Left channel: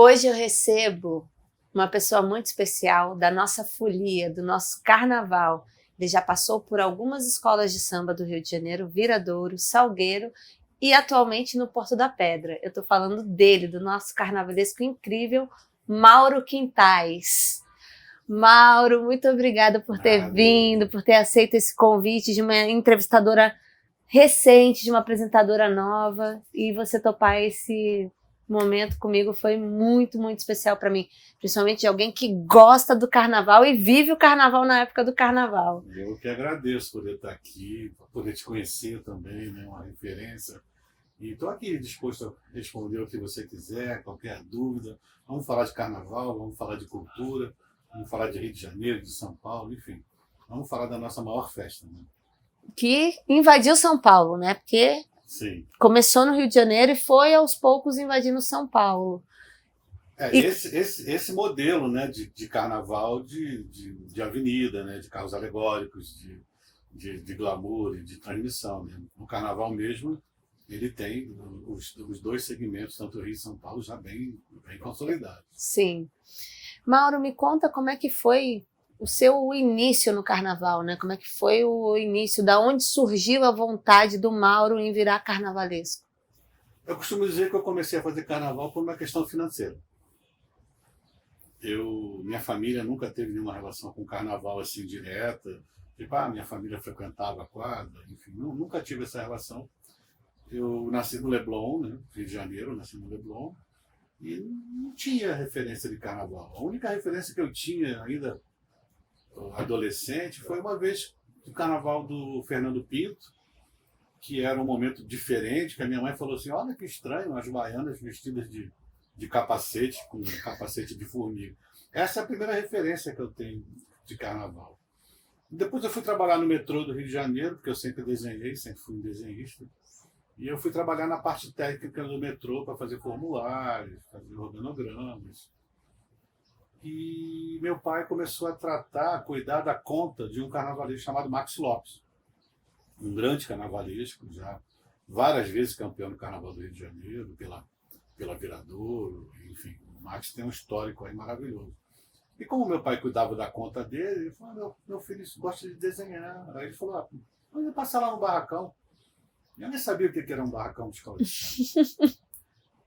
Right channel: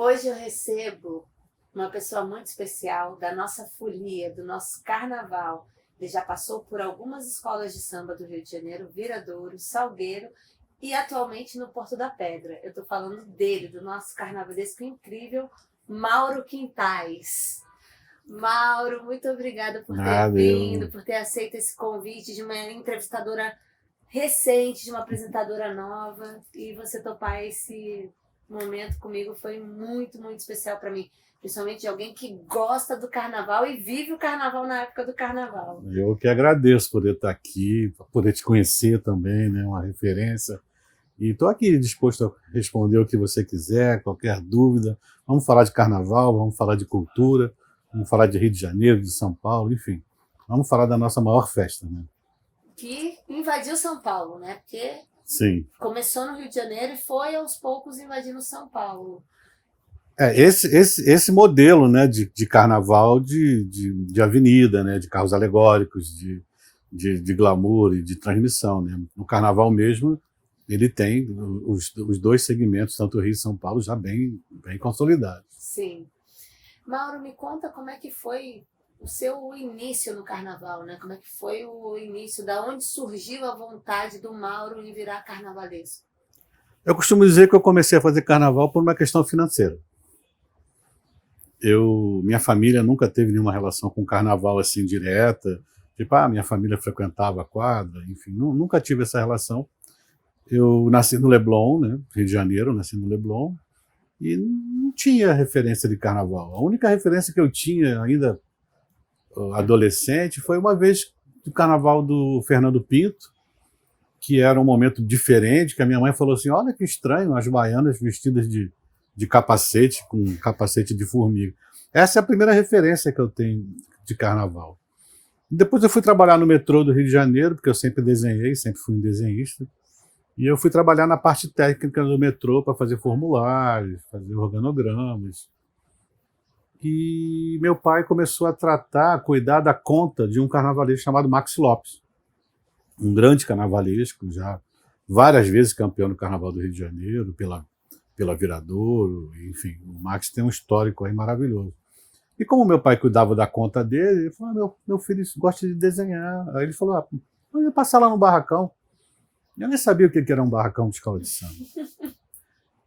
Hoje eu recebo uma pessoa muito especial da nossa folia, do nosso carnaval. Ele já passou por algumas escolas de samba do Rio de Janeiro, Viradouro, Salgueiro e atualmente no Porto da Pedra. Eu estou falando dele, do nosso carnavalesco incrível, Mauro Quintais. Mauro, muito obrigada por ter Nada, vindo, por ter aceito esse convite de uma entrevistadora recente, de uma apresentadora nova, e você topar esse momento comigo foi muito, muito especial para mim, principalmente de alguém que gosta do carnaval e vive o carnaval na época do carnaval. eu que agradeço por poder estar aqui, por poder te conhecer também, né, uma referência. E estou aqui disposto a responder o que você quiser, qualquer dúvida. Vamos falar de carnaval, vamos falar de cultura, vamos falar de Rio de Janeiro, de São Paulo, enfim. Vamos falar da nossa maior festa, né? Que invadiu São Paulo, né? Porque Sim. começou no Rio de Janeiro e foi aos poucos invadindo São Paulo. E Esse modelo, né, de carnaval de avenida, né, de carros alegóricos, de glamour e de transmissão. Né? No carnaval mesmo, ele tem os dois segmentos, tanto Rio e São Paulo, já bem consolidados. sim. Mauro, me conta como é que foi o seu início no carnaval, né? Como é que foi o início, da onde surgiu a vontade do Mauro em virar carnavalesco? Eu costumo dizer que eu comecei a fazer carnaval por uma questão financeira. Minha família nunca teve nenhuma relação com carnaval assim direta, tipo, minha família frequentava a quadra, enfim, nunca tive essa relação. Eu nasci no Leblon, né, Rio de Janeiro, nasci no Leblon, e não tinha referência de carnaval. A única referência que eu tinha ainda adolescente foi uma vez do carnaval do Fernando Pinto, que era um momento diferente, que a minha mãe falou assim, olha que estranho, as baianas vestidas de capacete, com capacete de formiga. Essa é a primeira referência que eu tenho de carnaval. Depois eu fui trabalhar no metrô do Rio de Janeiro, porque eu sempre desenhei, sempre fui um desenhista, e eu fui trabalhar na parte técnica do metrô para fazer formulários, fazer organogramas. E meu pai começou a cuidar da conta de um carnavalesco chamado Max Lopes, um grande carnavalesco, já várias vezes campeão do Carnaval do Rio de Janeiro, pela Viradouro, enfim, o Max tem um histórico aí maravilhoso. E como meu pai cuidava da conta dele, ele falou, meu filho gosta de desenhar. Aí ele falou, eu ia passar lá no barracão. Eu nem sabia o que era um barracão de escola de samba.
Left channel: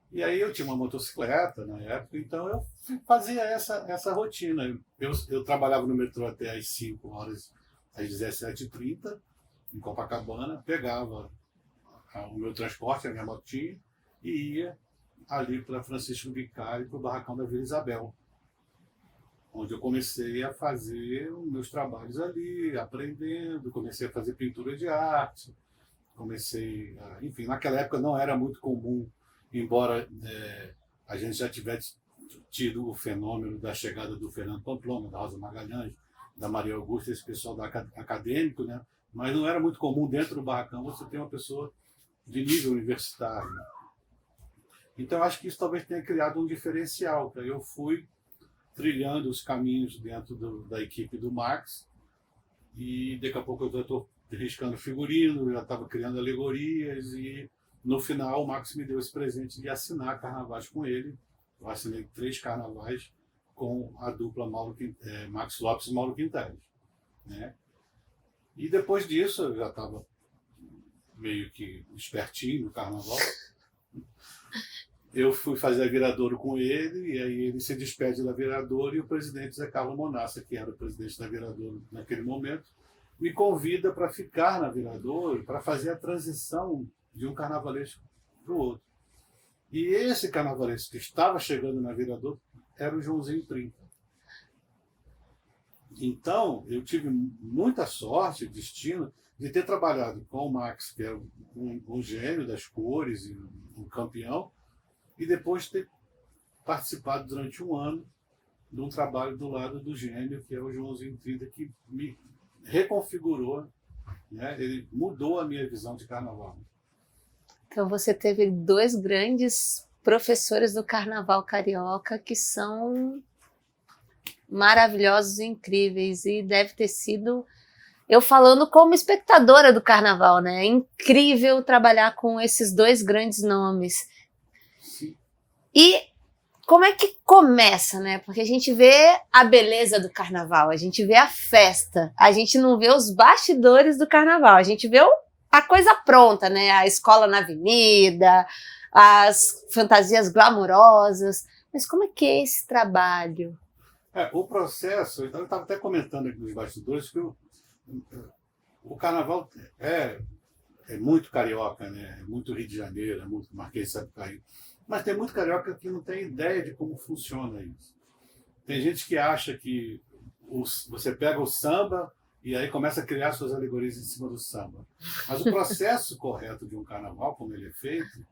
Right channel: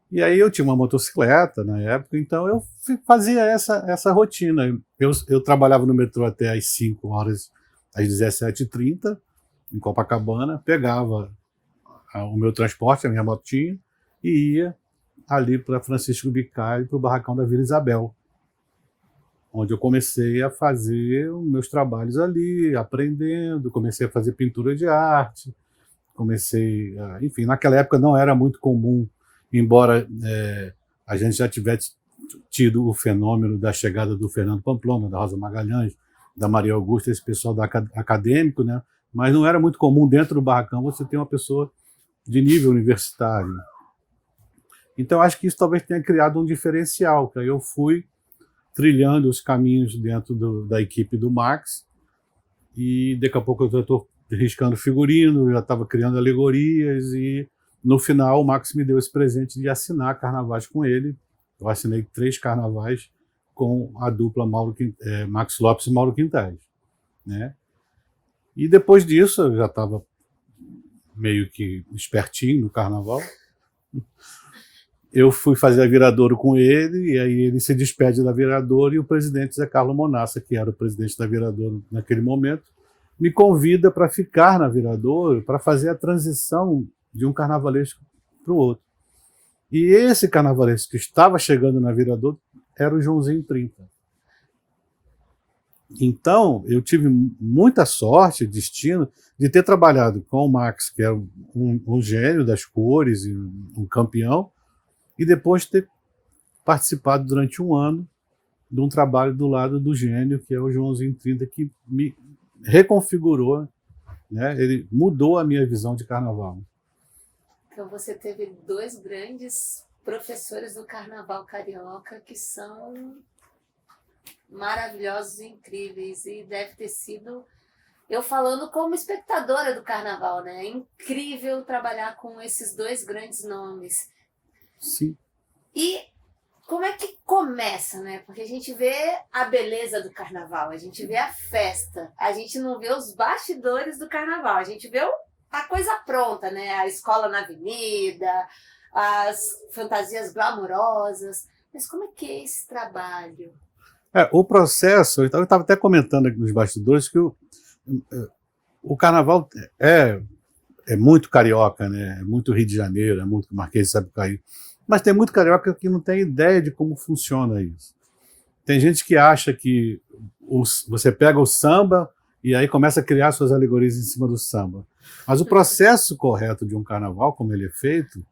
E aí eu tinha uma motocicleta na época, então eu fazia essa rotina. Eu trabalhava no metrô até às 5 horas, às 17h30, em Copacabana, pegava o meu transporte, a minha motinha, e ia ali para Francisco Bicalho, para o barracão da Vila Isabel, onde eu comecei a fazer os meus trabalhos ali, aprendendo, comecei a fazer pintura de arte, enfim, naquela época não era muito comum, embora a gente já tivesse tido o fenômeno da chegada do Fernando Pamplona, da Rosa Magalhães, da Maria Augusta, esse pessoal acadêmico, né? Mas não era muito comum dentro do barracão você ter uma pessoa de nível universitário. Então acho que isso talvez tenha criado um diferencial, que aí eu fui trilhando os caminhos dentro da equipe do Max, e daqui a pouco eu já estou riscando figurino, eu já estava criando alegorias, e no final o Max me deu esse presente de assinar carnavais com ele. Eu assinei 3 carnavais com a dupla Max Lopes e Mauro Quintais, né? E depois disso eu já estava meio que espertinho no carnaval. Eu fui fazer a Viradouro com ele, e aí ele se despede da Viradouro, e o presidente Zé Carlos Monassa, que era o presidente da Viradouro naquele momento, me convida para ficar na Viradouro, para fazer a transição de um carnavalesco para o outro. E esse carnavalesco que estava chegando na Viradouro era o Joãozinho 30. Então, eu tive muita sorte, destino, de ter trabalhado com o Max, que é um gênio das cores, e um campeão, e depois ter participado durante um ano de um trabalho do lado do gênio, que é o Joãozinho 30, que me reconfigurou, né? Ele mudou a minha visão de carnaval. Então você teve 2 grandes professores do carnaval carioca que são maravilhosos e incríveis, e deve ter sido, eu falando como espectadora do carnaval, né? É incrível trabalhar com esses 2 grandes nomes. Sim. E como é que começa, né? Porque a gente vê a beleza do carnaval, a gente vê a festa, a gente não vê os bastidores do carnaval, a gente vê a coisa pronta, né? A escola na avenida, as fantasias glamourosas. Mas como é que é esse trabalho? O processo, eu estava até comentando aqui nos bastidores que o carnaval é muito carioca, né? É muito Rio de Janeiro, é muito Marquês de Sapucaí. Mas tem muito carioca que não tem ideia de como funciona isso. Tem gente que acha que você pega o samba e aí começa a criar suas alegorias em cima do samba. Mas o processo correto de um carnaval, como ele é feito,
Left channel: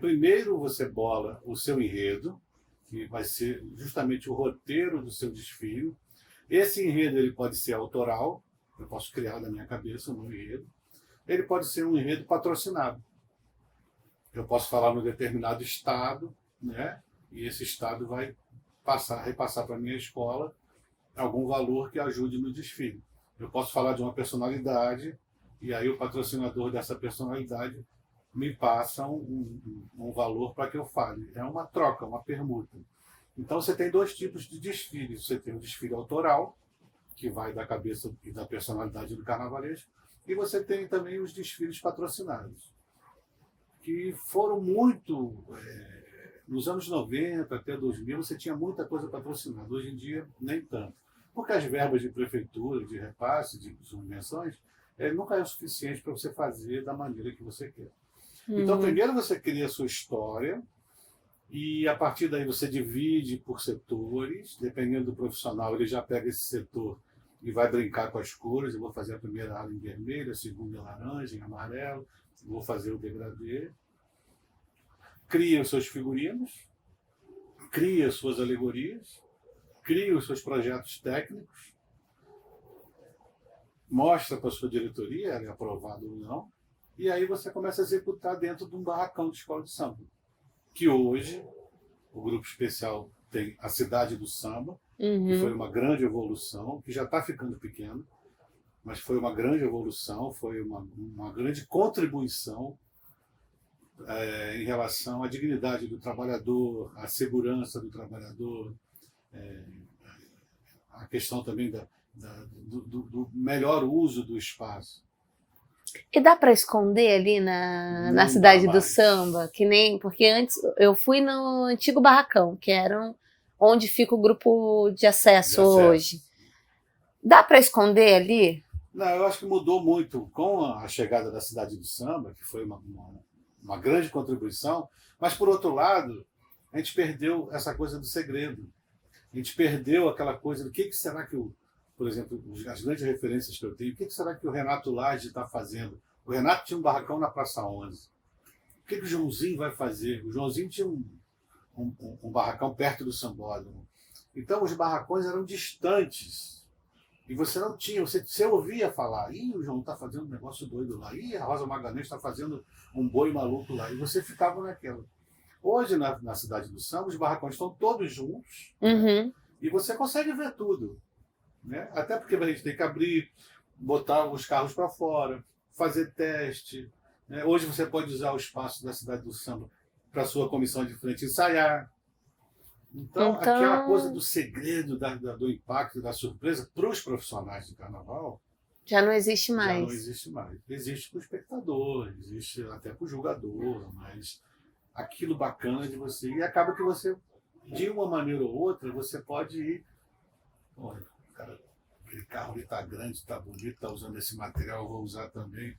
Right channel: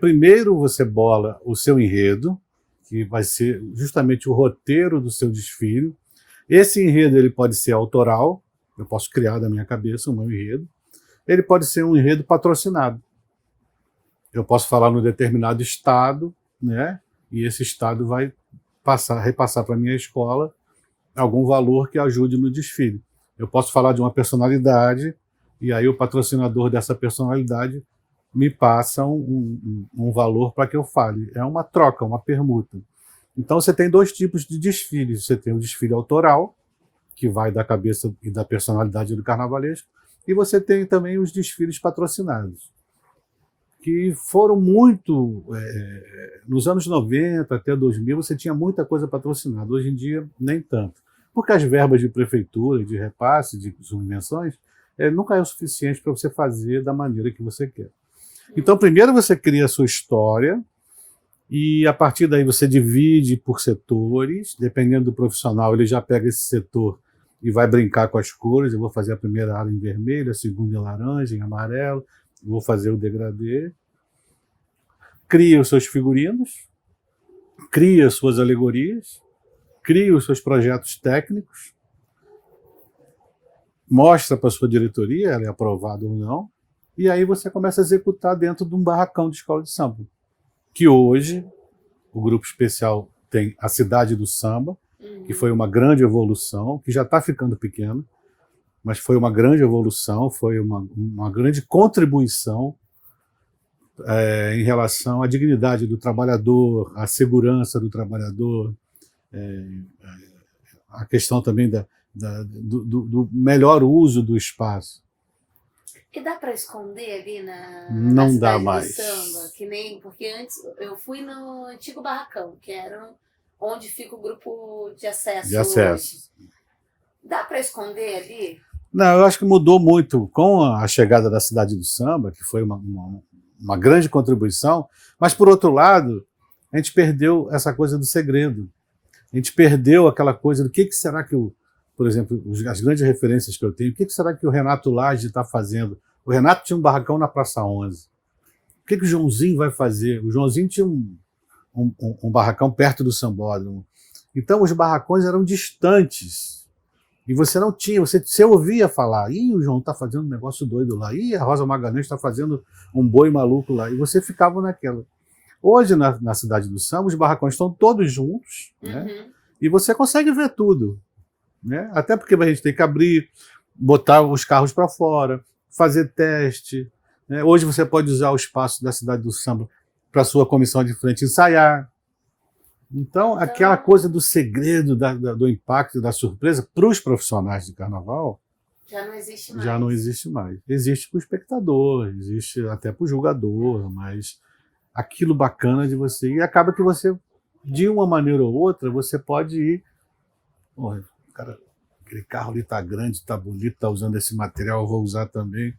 primeiro você bola o seu enredo, que vai ser justamente o roteiro do seu desfile. Esse enredo ele pode ser autoral, eu posso criar da minha cabeça o meu enredo. Ele pode ser um enredo patrocinado. Eu posso falar no determinado estado, né? E esse estado vai repassar para a minha escola algum valor que ajude no desfile. Eu posso falar de uma personalidade, e aí o patrocinador dessa personalidade me passa um valor para que eu fale. É uma troca, uma permuta. Então você tem dois tipos de desfiles. Você tem o desfile autoral, que vai da cabeça e da personalidade do carnavalesco, e você tem também os desfiles patrocinados, que foram muito... nos anos 90 até 2000, você tinha muita coisa patrocinada. Hoje em dia, nem tanto. Porque as verbas de prefeitura, de repasse, de subvenções, nunca é o suficiente para você fazer da maneira que você quer. Então, primeiro você cria a sua história, e a partir daí você divide por setores. Dependendo do profissional, ele já pega esse setor e vai brincar com as cores. Eu vou fazer a primeira área em vermelho, a segunda em laranja, em amarelo, vou fazer o degradê. Cria os seus figurinos, cria as suas alegorias, cria os seus projetos técnicos, mostra para a sua diretoria, ela é aprovada ou não, e aí você começa a executar dentro de um barracão de escola de samba. Que hoje, o grupo especial tem a Cidade do Samba, que foi uma grande evolução, que já está ficando pequeno, mas foi uma grande evolução, foi uma grande contribuição em relação à dignidade do trabalhador, à segurança do trabalhador, a questão também do melhor uso do espaço. E dá para esconder ali na Cidade do Samba? Porque antes eu fui no antigo barracão, que era onde fica o grupo de acesso hoje. Dá para esconder ali? Não, eu acho que mudou muito com a chegada da Cidade do Samba, que foi uma grande contribuição, mas, por outro lado, a gente perdeu essa coisa do segredo. A gente perdeu aquela coisa do que será que por exemplo, as grandes referências que eu tenho, o que será que o Renato Lage está fazendo? O Renato tinha um barracão na Praça 11. O que o Joãozinho vai fazer? O Joãozinho tinha um barracão perto do Sambódromo. Então, os barracões eram distantes. E você não tinha, você ouvia falar, ih, o João está fazendo um negócio doido lá, ih, a Rosa Magalhães está fazendo um boi maluco lá. E você ficava naquela. Hoje, na Cidade do Samba, os barracões estão todos juntos, né? E você consegue ver tudo. Né? Até porque a gente tem que abrir, botar os carros para fora, fazer teste. Né? Hoje você pode usar o espaço da Cidade do Samba para a sua comissão de frente ensaiar. Então, aquela coisa do segredo, do impacto, da surpresa, para os profissionais de carnaval, já não existe mais. Já não existe mais. Existe para o espectador, existe até para o julgador, mas aquilo bacana de você... E acaba que você, de uma maneira ou outra, você pode ir... Cara, aquele carro ali está grande, está bonito, está usando esse material, eu vou usar também.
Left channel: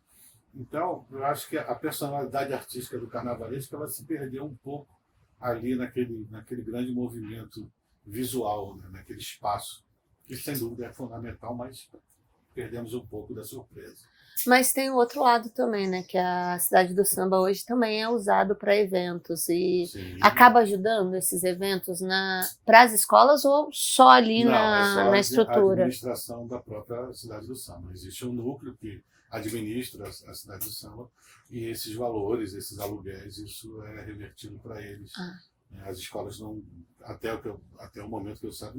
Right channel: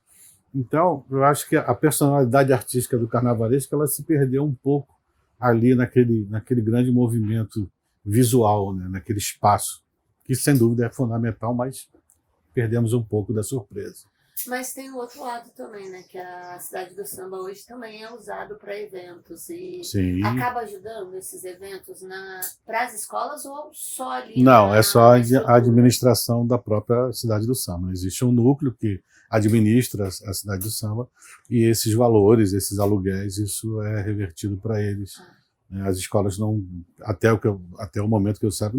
Então, eu acho que a personalidade artística do carnavalesco ela se perdeu um pouco ali naquele grande movimento visual, né? Naquele espaço, que sem dúvida é fundamental, mas perdemos um pouco da surpresa. Mas tem o outro lado também, né? Que a Cidade do Samba hoje também é usado para eventos e acaba ajudando esses eventos para as escolas ou só ali Não, é só estrutura? A administração da própria Cidade do Samba. Existe um núcleo que administra a Cidade do Samba e esses valores, esses aluguéis, isso é revertido para eles. As escolas não, até o momento que eu saiba,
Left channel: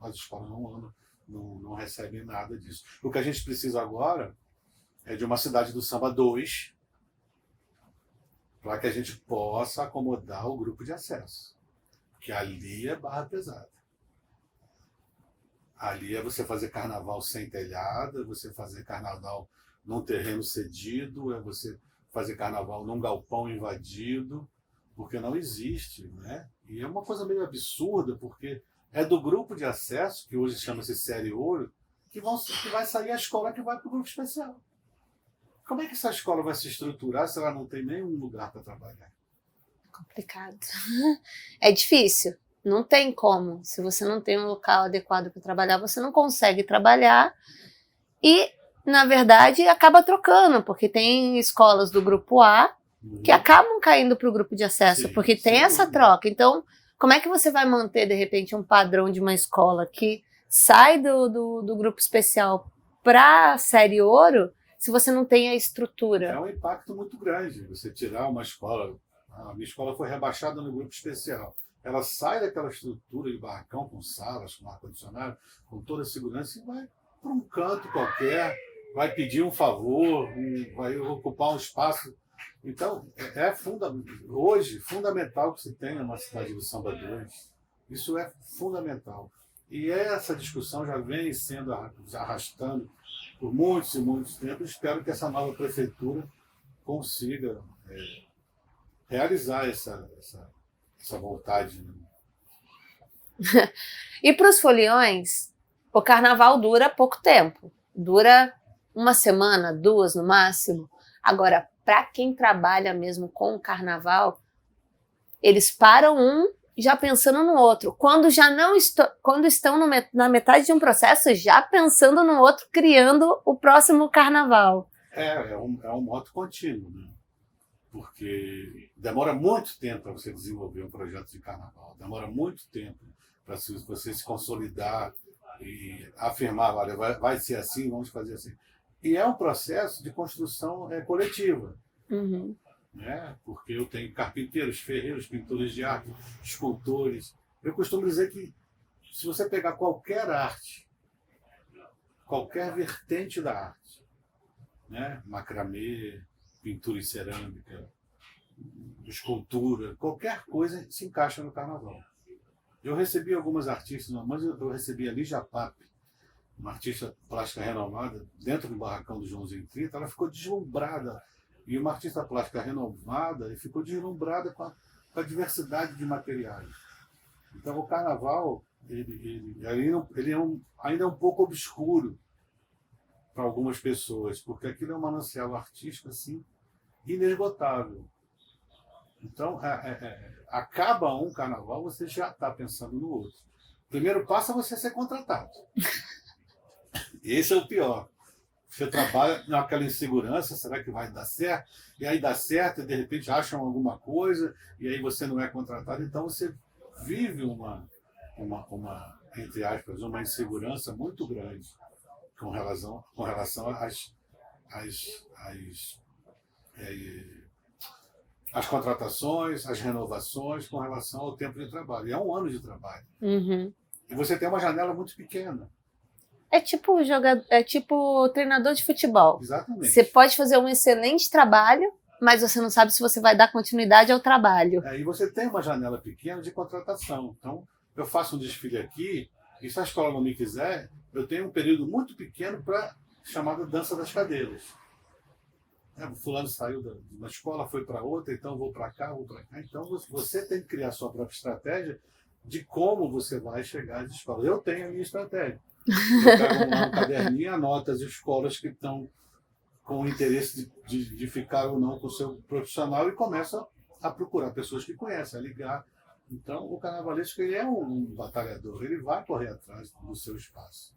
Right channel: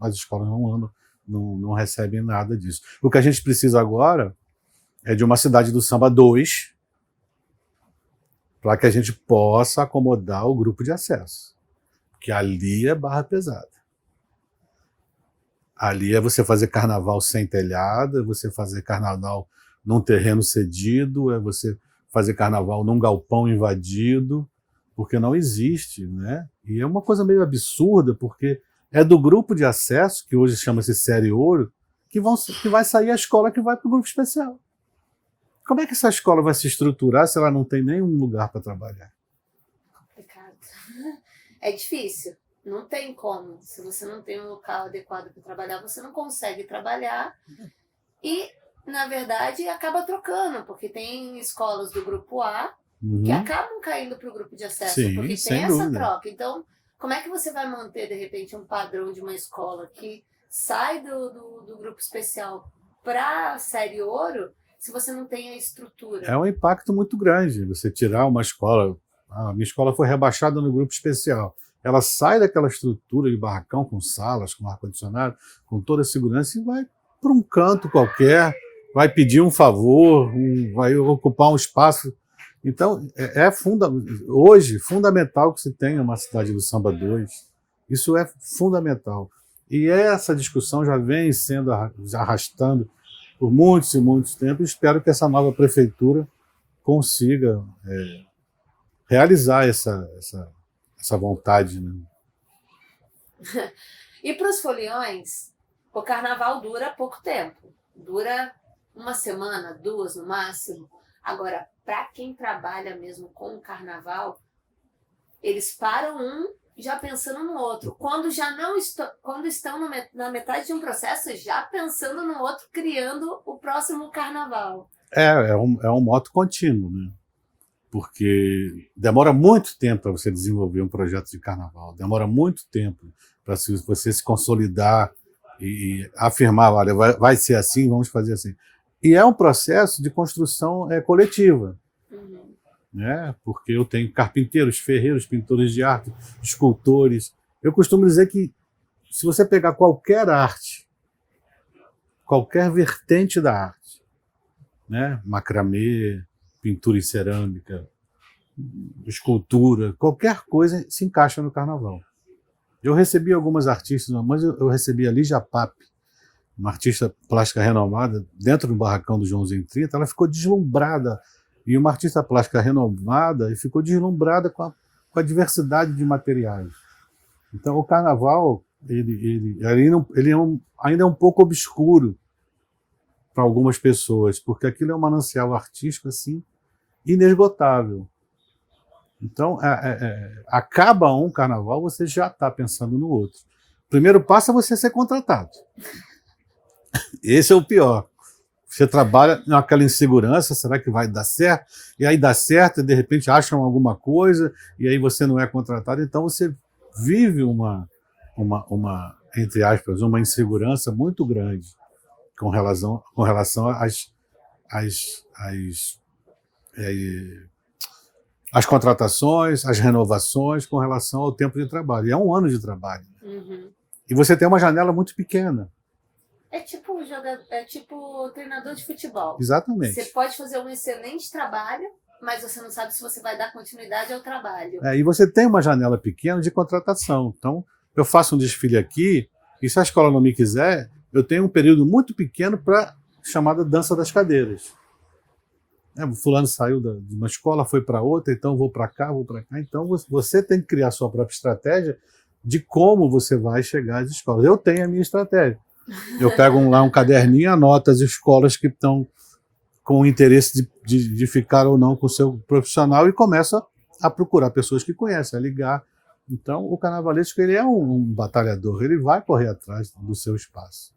as escolas não recebem nada disso. O que a gente precisa agora é de uma Cidade do Samba 2, para que a gente possa acomodar o grupo de acesso. Porque ali é barra pesada. Ali é você fazer carnaval sem telhado, é você fazer carnaval num terreno cedido, é você fazer carnaval num galpão invadido, porque não existe, né? E é uma coisa meio absurda, porque é do grupo de acesso, que hoje chama-se Série Ouro, que vai sair a escola que vai para o grupo especial. Como é que essa escola vai se estruturar se ela não tem nenhum lugar para trabalhar? Complicado. É difícil. Não tem como. Se você não tem um local adequado para trabalhar, você não consegue trabalhar. E, na verdade, acaba trocando, porque tem escolas do grupo A que acabam caindo para o grupo de acesso, Sim, porque sem tem essa dúvida. troca. Então, como é que você vai manter, de repente, um padrão de uma escola que sai do grupo especial para a Série Ouro se você não tem a estrutura? É um impacto muito grande você tirar uma escola. A minha escola foi rebaixada no grupo especial. Ela sai daquela estrutura de barracão com salas, com ar-condicionado, com toda a segurança e vai para um canto qualquer, vai pedir um favor, vai ocupar um espaço. Então, hoje, fundamental que se tenha uma cidade do Samba 2. Isso é fundamental. E essa discussão já vem sendo arrastando por muitos e muitos tempos. Espero que essa nova prefeitura consiga realizar essa vontade. Né? E para os foliões, o carnaval dura pouco tempo. Dura uma semana, 2 no máximo. Agora, para quem trabalha mesmo com o carnaval, eles param um já pensando no outro. Quando estão na metade de um processo, já pensando no outro, criando o próximo carnaval. É um moto contínuo, né? Porque demora muito tempo para você desenvolver um projeto de carnaval, demora muito tempo para você se consolidar e afirmar, olha, vai ser assim, vamos fazer assim. E é um processo de construção coletiva, né? Porque eu tenho carpinteiros, ferreiros, pintores de arte, escultores. Eu costumo dizer que se você pegar qualquer arte, qualquer vertente da arte, né? Macramê, pintura em cerâmica, escultura, qualquer coisa se encaixa no carnaval. Eu recebi algumas artistas, mas eu recebi a Lígia Pape, uma artista plástica renomada, dentro do barracão do Joãozinho 30, ela ficou deslumbrada, e uma artista plástica renomada, e ficou deslumbrada com a diversidade de materiais. Então o carnaval ele ainda é um pouco obscuro para algumas pessoas, porque aquilo é um manancial artístico assim inesgotável. Então, acaba um carnaval, você já está pensando no outro. O primeiro passo é você ser contratado. Esse é o pior. Você trabalha naquela insegurança, será que vai dar certo? E aí dá certo, e de repente acham alguma coisa, e aí você não é contratado. Então você vive entre aspas, uma insegurança muito grande com relação às contratações, às renovações, com relação ao tempo de trabalho. E é um ano de trabalho. E você tem uma janela muito pequena. É tipo treinador de futebol. Exatamente. Você pode fazer um excelente trabalho, mas você não sabe se você vai dar continuidade ao trabalho. E você tem uma janela pequena de contratação. Então, eu faço um desfile aqui, e se a escola não me quiser, eu tenho um período muito pequeno para chamada dança das cadeiras. O fulano saiu de uma escola, foi para outra, então vou para cá, vou para cá. Então, você tem que criar a sua própria estratégia de como você vai chegar às escolas. Eu tenho a minha estratégia. Eu pego lá um caderninho, anoto as escolas que estão com interesse de ficar ou não com o seu profissional e começo a procurar pessoas que conhecem, a ligar. Então, o carnavalesco ele é um batalhador, ele vai correr atrás do seu espaço.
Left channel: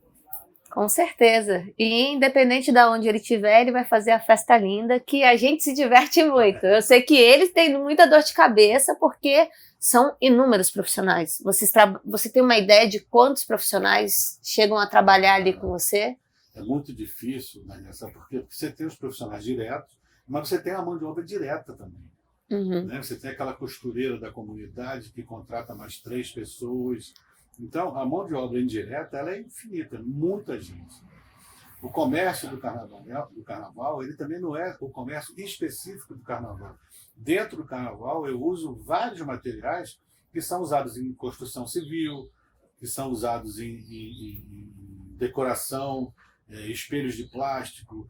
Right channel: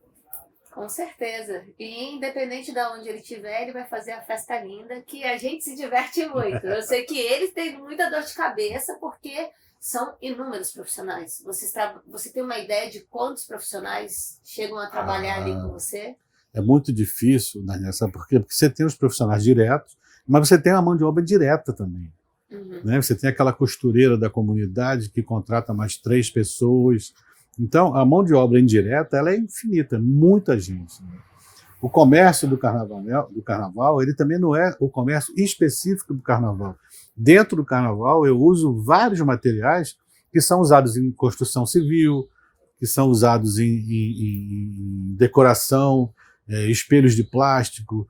Com certeza. E independente de onde ele estiver, ele vai fazer a festa linda, que a gente se diverte muito. Eu sei que eles têm muita dor de cabeça, porque são inúmeros profissionais. Você tem uma ideia de quantos profissionais chegam a trabalhar ali com você? É muito difícil, Daniela, sabe por quê? Porque você tem os profissionais diretos, mas você tem a mão de obra direta também. Né? Você tem aquela costureira da comunidade que contrata mais 3 pessoas. Então, a mão de obra indireta ela é infinita, muita gente. Né? O comércio do carnaval, ele também não é o comércio específico do carnaval. Dentro do carnaval, eu uso vários materiais que são usados em construção civil, que são usados em decoração, espelhos de plástico,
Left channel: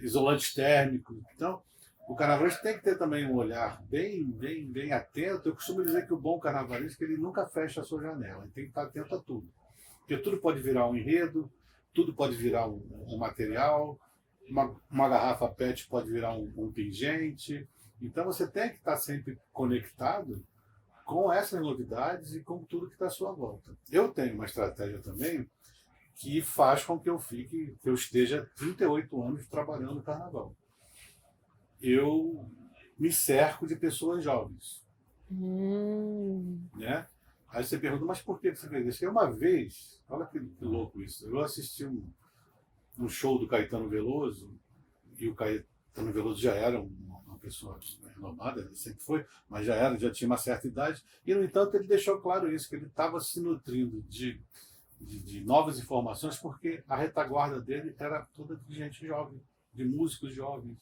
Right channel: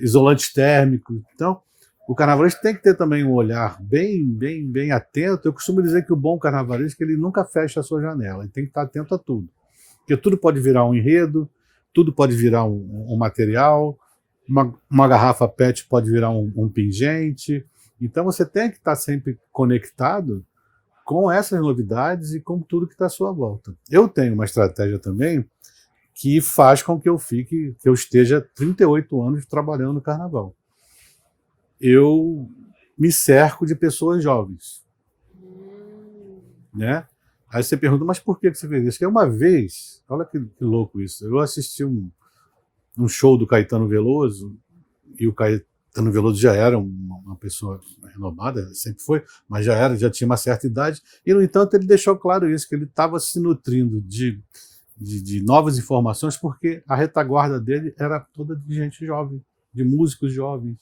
isolantes térmicos. Então, o carnavalesco tem que ter também um olhar bem atento. Eu costumo dizer que o bom carnavalesco ele nunca fecha a sua janela, ele tem que estar atento a tudo. Porque tudo pode virar um enredo, tudo pode virar um material, uma garrafa PET pode virar um pingente. Então você tem que estar sempre conectado com essas novidades e com tudo que está à sua volta. Eu tenho uma estratégia também que faz com que eu esteja 38 anos trabalhando no carnaval. Eu me cerco de pessoas jovens. Né? Aí você pergunta, mas por que você fez isso? Porque uma vez, olha que louco isso, eu assisti um show do Caetano Veloso, e o Caetano Veloso já era uma pessoa renomada, sempre foi, mas já tinha uma certa idade, e no entanto ele deixou claro isso, que ele estava se nutrindo de novas informações, porque a retaguarda dele era toda de gente jovem, de músicos jovens,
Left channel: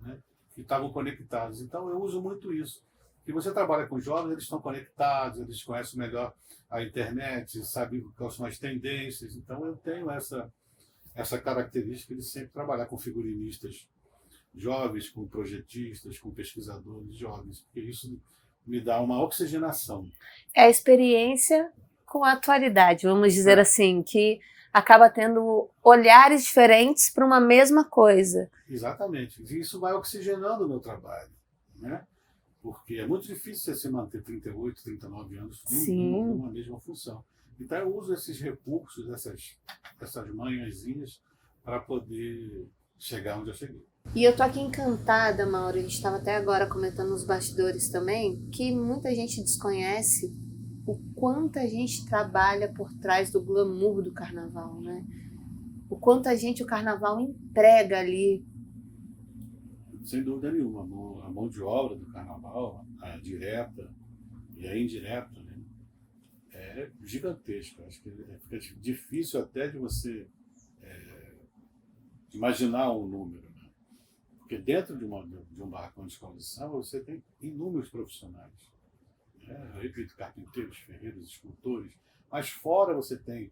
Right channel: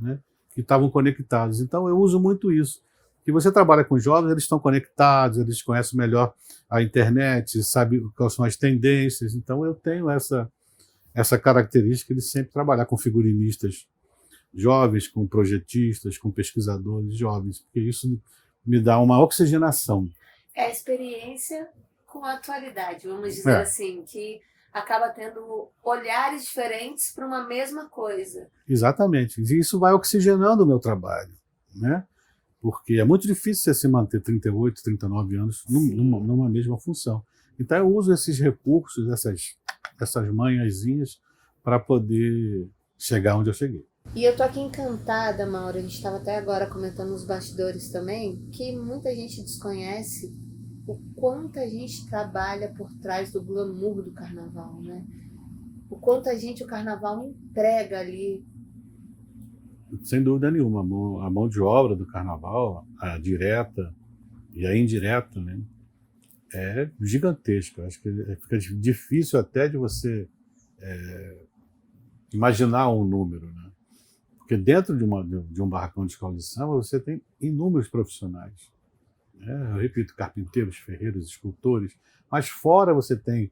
né, que estavam conectados. Então eu uso muito isso. E você trabalha com jovens, eles estão conectados, eles conhecem melhor a internet, sabem quais são as tendências. Então eu tenho essa característica de sempre trabalhar com figurinistas jovens, com projetistas, com pesquisadores jovens, porque isso me dá uma oxigenação. É a experiência com a atualidade, vamos dizer assim, que acaba tendo olhares diferentes para uma mesma coisa. Exatamente. E isso vai oxigenando o meu trabalho, né? Porque é muito difícil você se manter 38, 39 anos numa mesma função. Então eu uso esses recursos, essas manhãzinhas, para poder chegar onde eu cheguei. E eu tô aqui encantada, Mauro, a gente estava até agora comentando nos bastidores também, que muita gente desconhece o quanto a gente trabalha por trás do glamour do carnaval, né? O quanto o carnaval emprega ali. Sem dúvida nenhuma, a mão de obra do carnaval, a direta e a indireta, né, é gigantesca. Acho que fica difícil até de você imaginar um número, né? Porque dentro de um barracão de escola de samba você tem inúmeros profissionais. Né? Eu repito, carpinteiros, ferreiros, escultores, mas fora você tem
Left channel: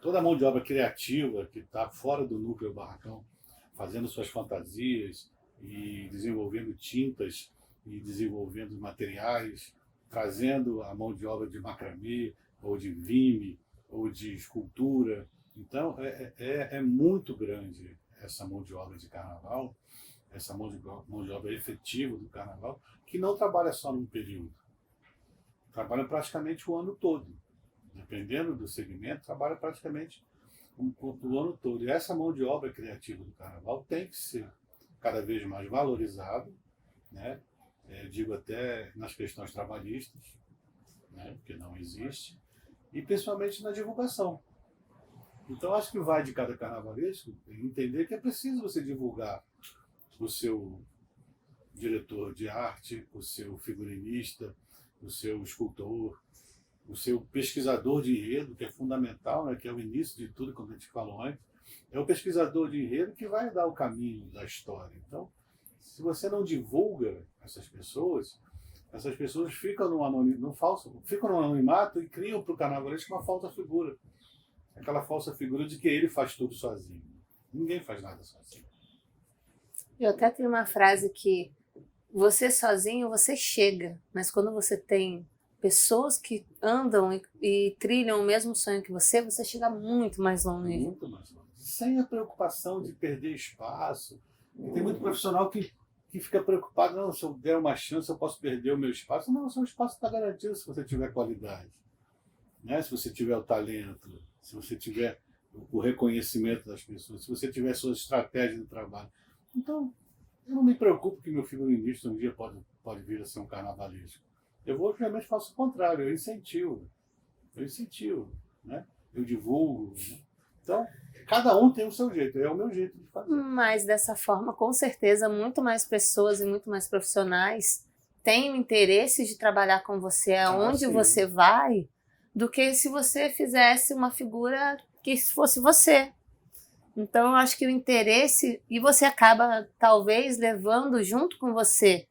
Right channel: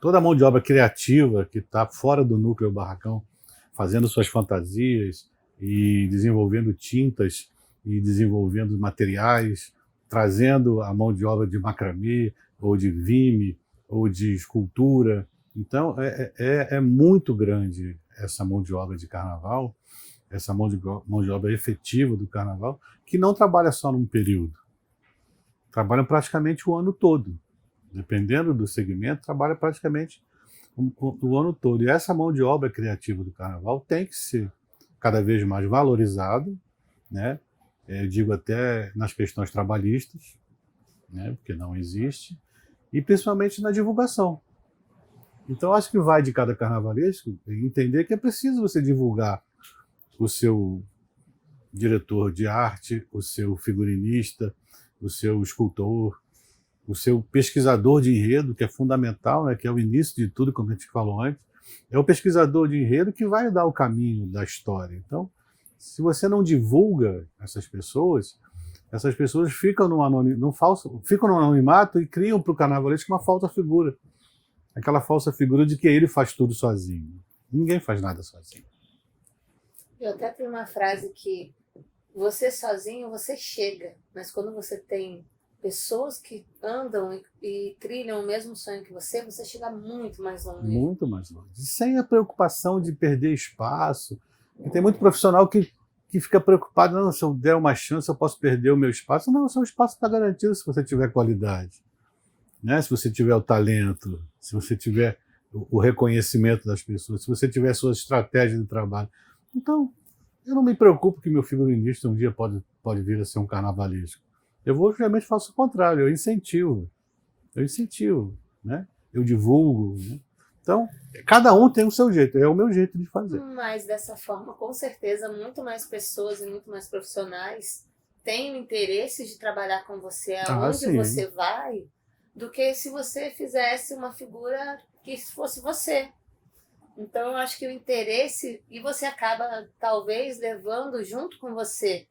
toda a mão de obra criativa que está fora do núcleo do barracão, fazendo suas fantasias e desenvolvendo tintas e desenvolvendo materiais, trazendo a mão de obra de macramê, ou de vime, ou de escultura. Então, é muito grande essa mão de obra de carnaval, essa mão de obra efetiva do carnaval, que não trabalha só num período, trabalha praticamente o ano todo. Dependendo do segmento, trabalha praticamente o ano todo. E essa mão de obra criativa do carnaval tem que ser cada vez mais valorizada, né? Eu digo até nas questões trabalhistas, né? Porque não existe, e principalmente na divulgação. Então acho que vai de cada carnavalesco entender que é preciso você divulgar o seu diretor de arte, o seu figurinista, o seu escultor, o seu pesquisador de enredo, que é fundamental, né, que é o início de tudo, como a gente falou antes, é o pesquisador de enredo que vai dar o caminho da história. Então, se você não divulga essas pessoas ficam no anonimato e criam para o carnavalesco uma falsa figura. Aquela falsa figura de que ele faz tudo sozinho. Ninguém faz nada sozinho. Eu até tenho uma frase que você sozinho, você chega, mas quando você tem pessoas que andam e trilham o mesmo sonho que você chega muito mais longe. Muito mais longe. Sem a preocupação de perder espaço. E tem muito profissional que fica preocupado, não, se eu der uma chance eu posso perder o meu espaço. Não, o seu espaço está garantido se você tiver qualidade, né? Se você tiver o talento, se você tiver o reconhecimento das pessoas, se você tiver suas estratégias de trabalho. Então, eu não me preocupo que meu figurinista um dia pode vir a ser um carnavalesco. Eu realmente faço o contrário, eu incentivo, né? Eu divulgo. Né? Então, cada um tem o seu jeito, é o meu jeito de fazer. Mas dessa forma, com certeza, muito mais pessoas e muito mais profissionais têm o interesse de trabalhar com você aonde você vai, do que se você fizesse uma figura que fosse você. Então, eu acho que o interesse, e você acaba talvez levando junto com você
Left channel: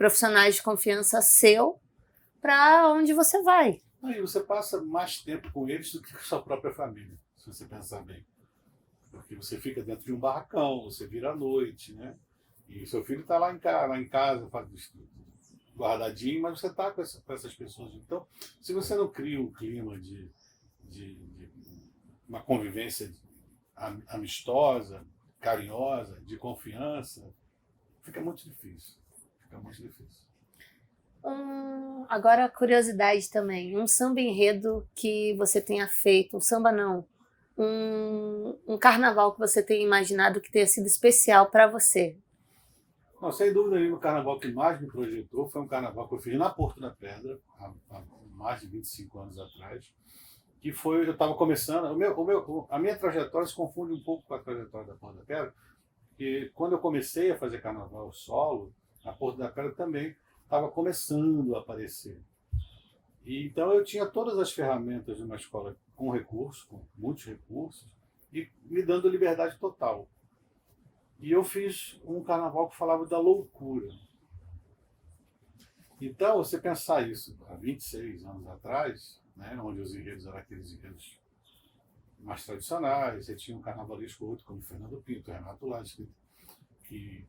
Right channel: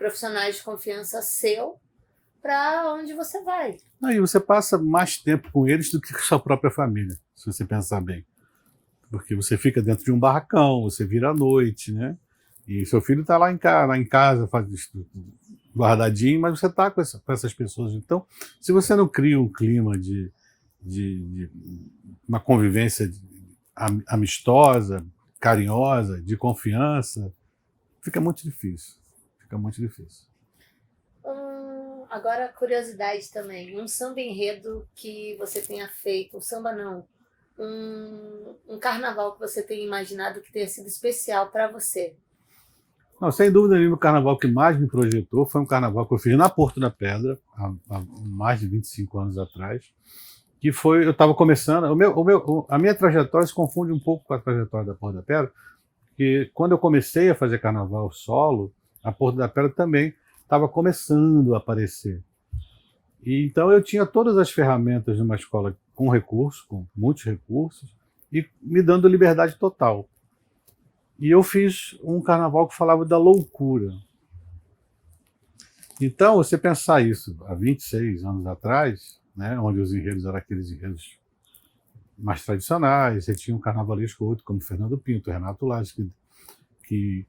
profissionais de confiança seu para onde você vai. Aí você passa mais tempo com eles do que com a sua própria família, se você pensar bem. Porque você fica dentro de um barracão, você vira à noite, né? E seu filho está lá em casa, guardadinho, mas você está com essas pessoas. Então, se você não cria um clima de uma convivência amistosa, carinhosa, de confiança, fica muito difícil. Fica muito difícil. Agora, curiosidade também. Um samba enredo que você tenha feito, um samba não, um carnaval que você tenha imaginado que tenha sido especial para você. Não, sem dúvida nenhuma, o carnaval que mais me projetou foi um carnaval que eu fiz na Porto da Pedra, há mais de 25 anos atrás, que foi, eu estava começando, a minha trajetória se confunde um pouco com a trajetória da Porto da Pedra, porque quando eu comecei a fazer carnaval solo, a Porto da Pedra também estava começando a aparecer. E, então eu tinha todas as ferramentas de uma escola com recursos, com muitos recursos, e me dando liberdade total. E eu fiz um carnaval que falava da loucura. Então, você pensar isso há 26 anos atrás, né, onde os enredos eram aqueles enredos mais tradicionais, você tinha um carnavalesco outro, como Fernando Pinto, Renato Lages, que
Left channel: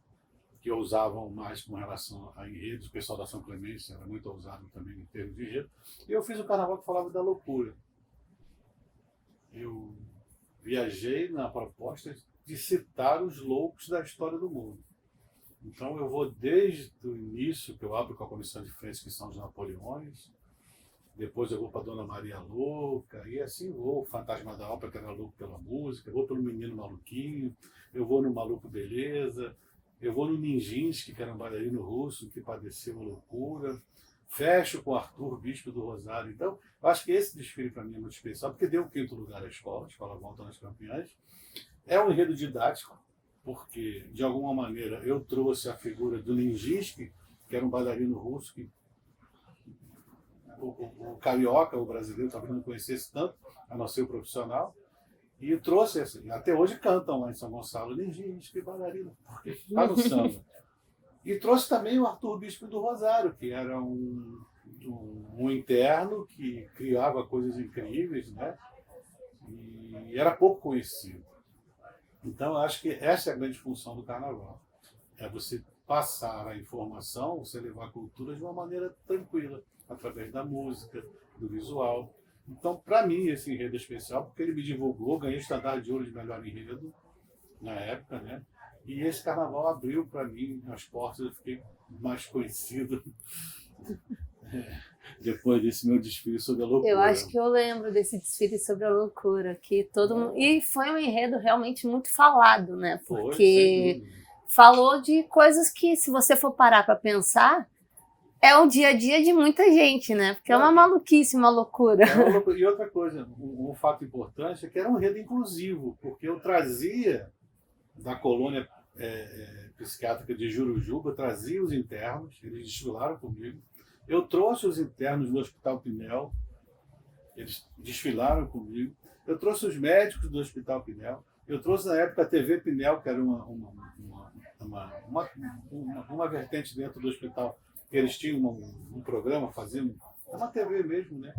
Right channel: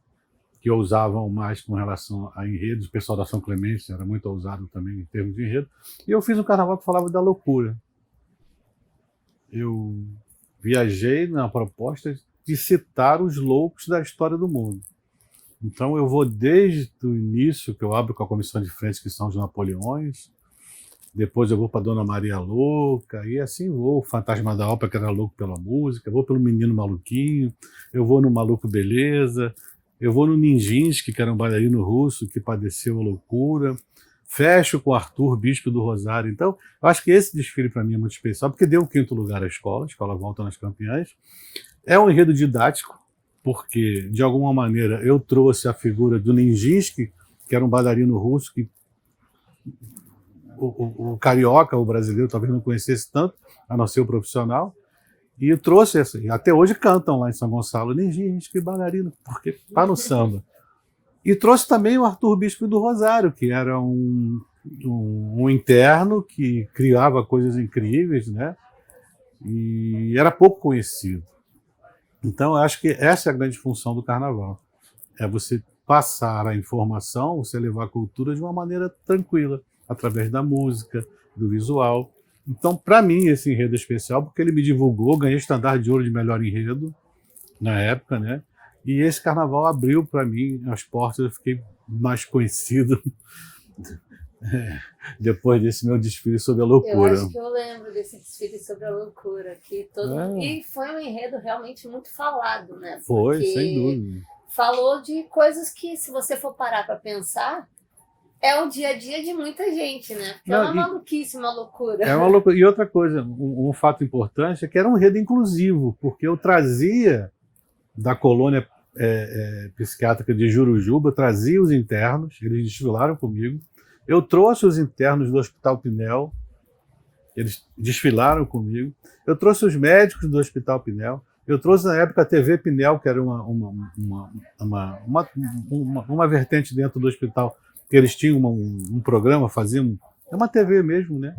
ousavam mais com relação a enredos. O pessoal da São Clemente era muito ousado também em termos de enredo. E eu fiz um carnaval que falava da loucura. Eu viajei na proposta de citar os loucos da história do mundo. Então eu vou desde o início, que eu abro com a comissão de frente, que são os Napoleões, depois eu vou para Dona Maria Louca, e assim vou, o Fantasma da Ópera, que era louco pela música, eu vou pelo Menino Maluquinho, eu vou no Maluco Beleza, eu vou no Nijinsky, que era um bailarino russo que padeceu a loucura, fecho com Arthur, Bispo do Rosário. Então, eu acho que esse desfile para mim é muito especial, porque deu o 5º lugar à escola, a escola volta nas campeãs. É um enredo didático, porque, de alguma maneira, eu trouxe a figura do Nijinsky, que era um bailarino russo, que o carioca, o brasileiro, talvez não conhecesse tanto, a não ser o profissional. E eu trouxe, assim, até hoje cantam lá em São Gonçalo, Nijinsky, bailarino, porque está no samba. E trouxe também o Arthur Bispo do Rosário, que era um interno que criava coisas incríveis, né? E era pouco conhecido. Então, eu acho que essa é a grande função do carnaval. É você passar a informação, você levar a cultura de uma maneira tranquila, através da música, do visual. Então, para mim, esse enredo é especial, porque ele me divulgou, ganhei estandarte de ouro de melhor enredo, na época, né? E esse carnaval abriu para mim as portas, eu fiquei mais conhecido depois desse meu desfile sobre a loucura. Eu acho que eu lembro desse desfile sobre a loucura, que todo mundo... E foi um enredo realmente muito falado, né? Foi, porque sem dúvida. Falou de coisas que, se você for parar para pensar, é o dia a dia de muita gente, né? Porque é uma maluquice, uma loucura. É uma loucura. E outra coisa, um fato importante é que era um enredo inclusivo, porque eu trazia da colônia psiquiátrica de Jurujuba, eu trazia os internos, eles desfilaram comigo. Eu trouxe os internos do Hospital Pinel, eles desfilaram comigo. Eu trouxe os médicos do Hospital Pinel. Eu trouxe, na época, a TV Pinel, que era uma vertente dentro do hospital, que eles tinham um programa, faziam... É uma TV mesmo, né?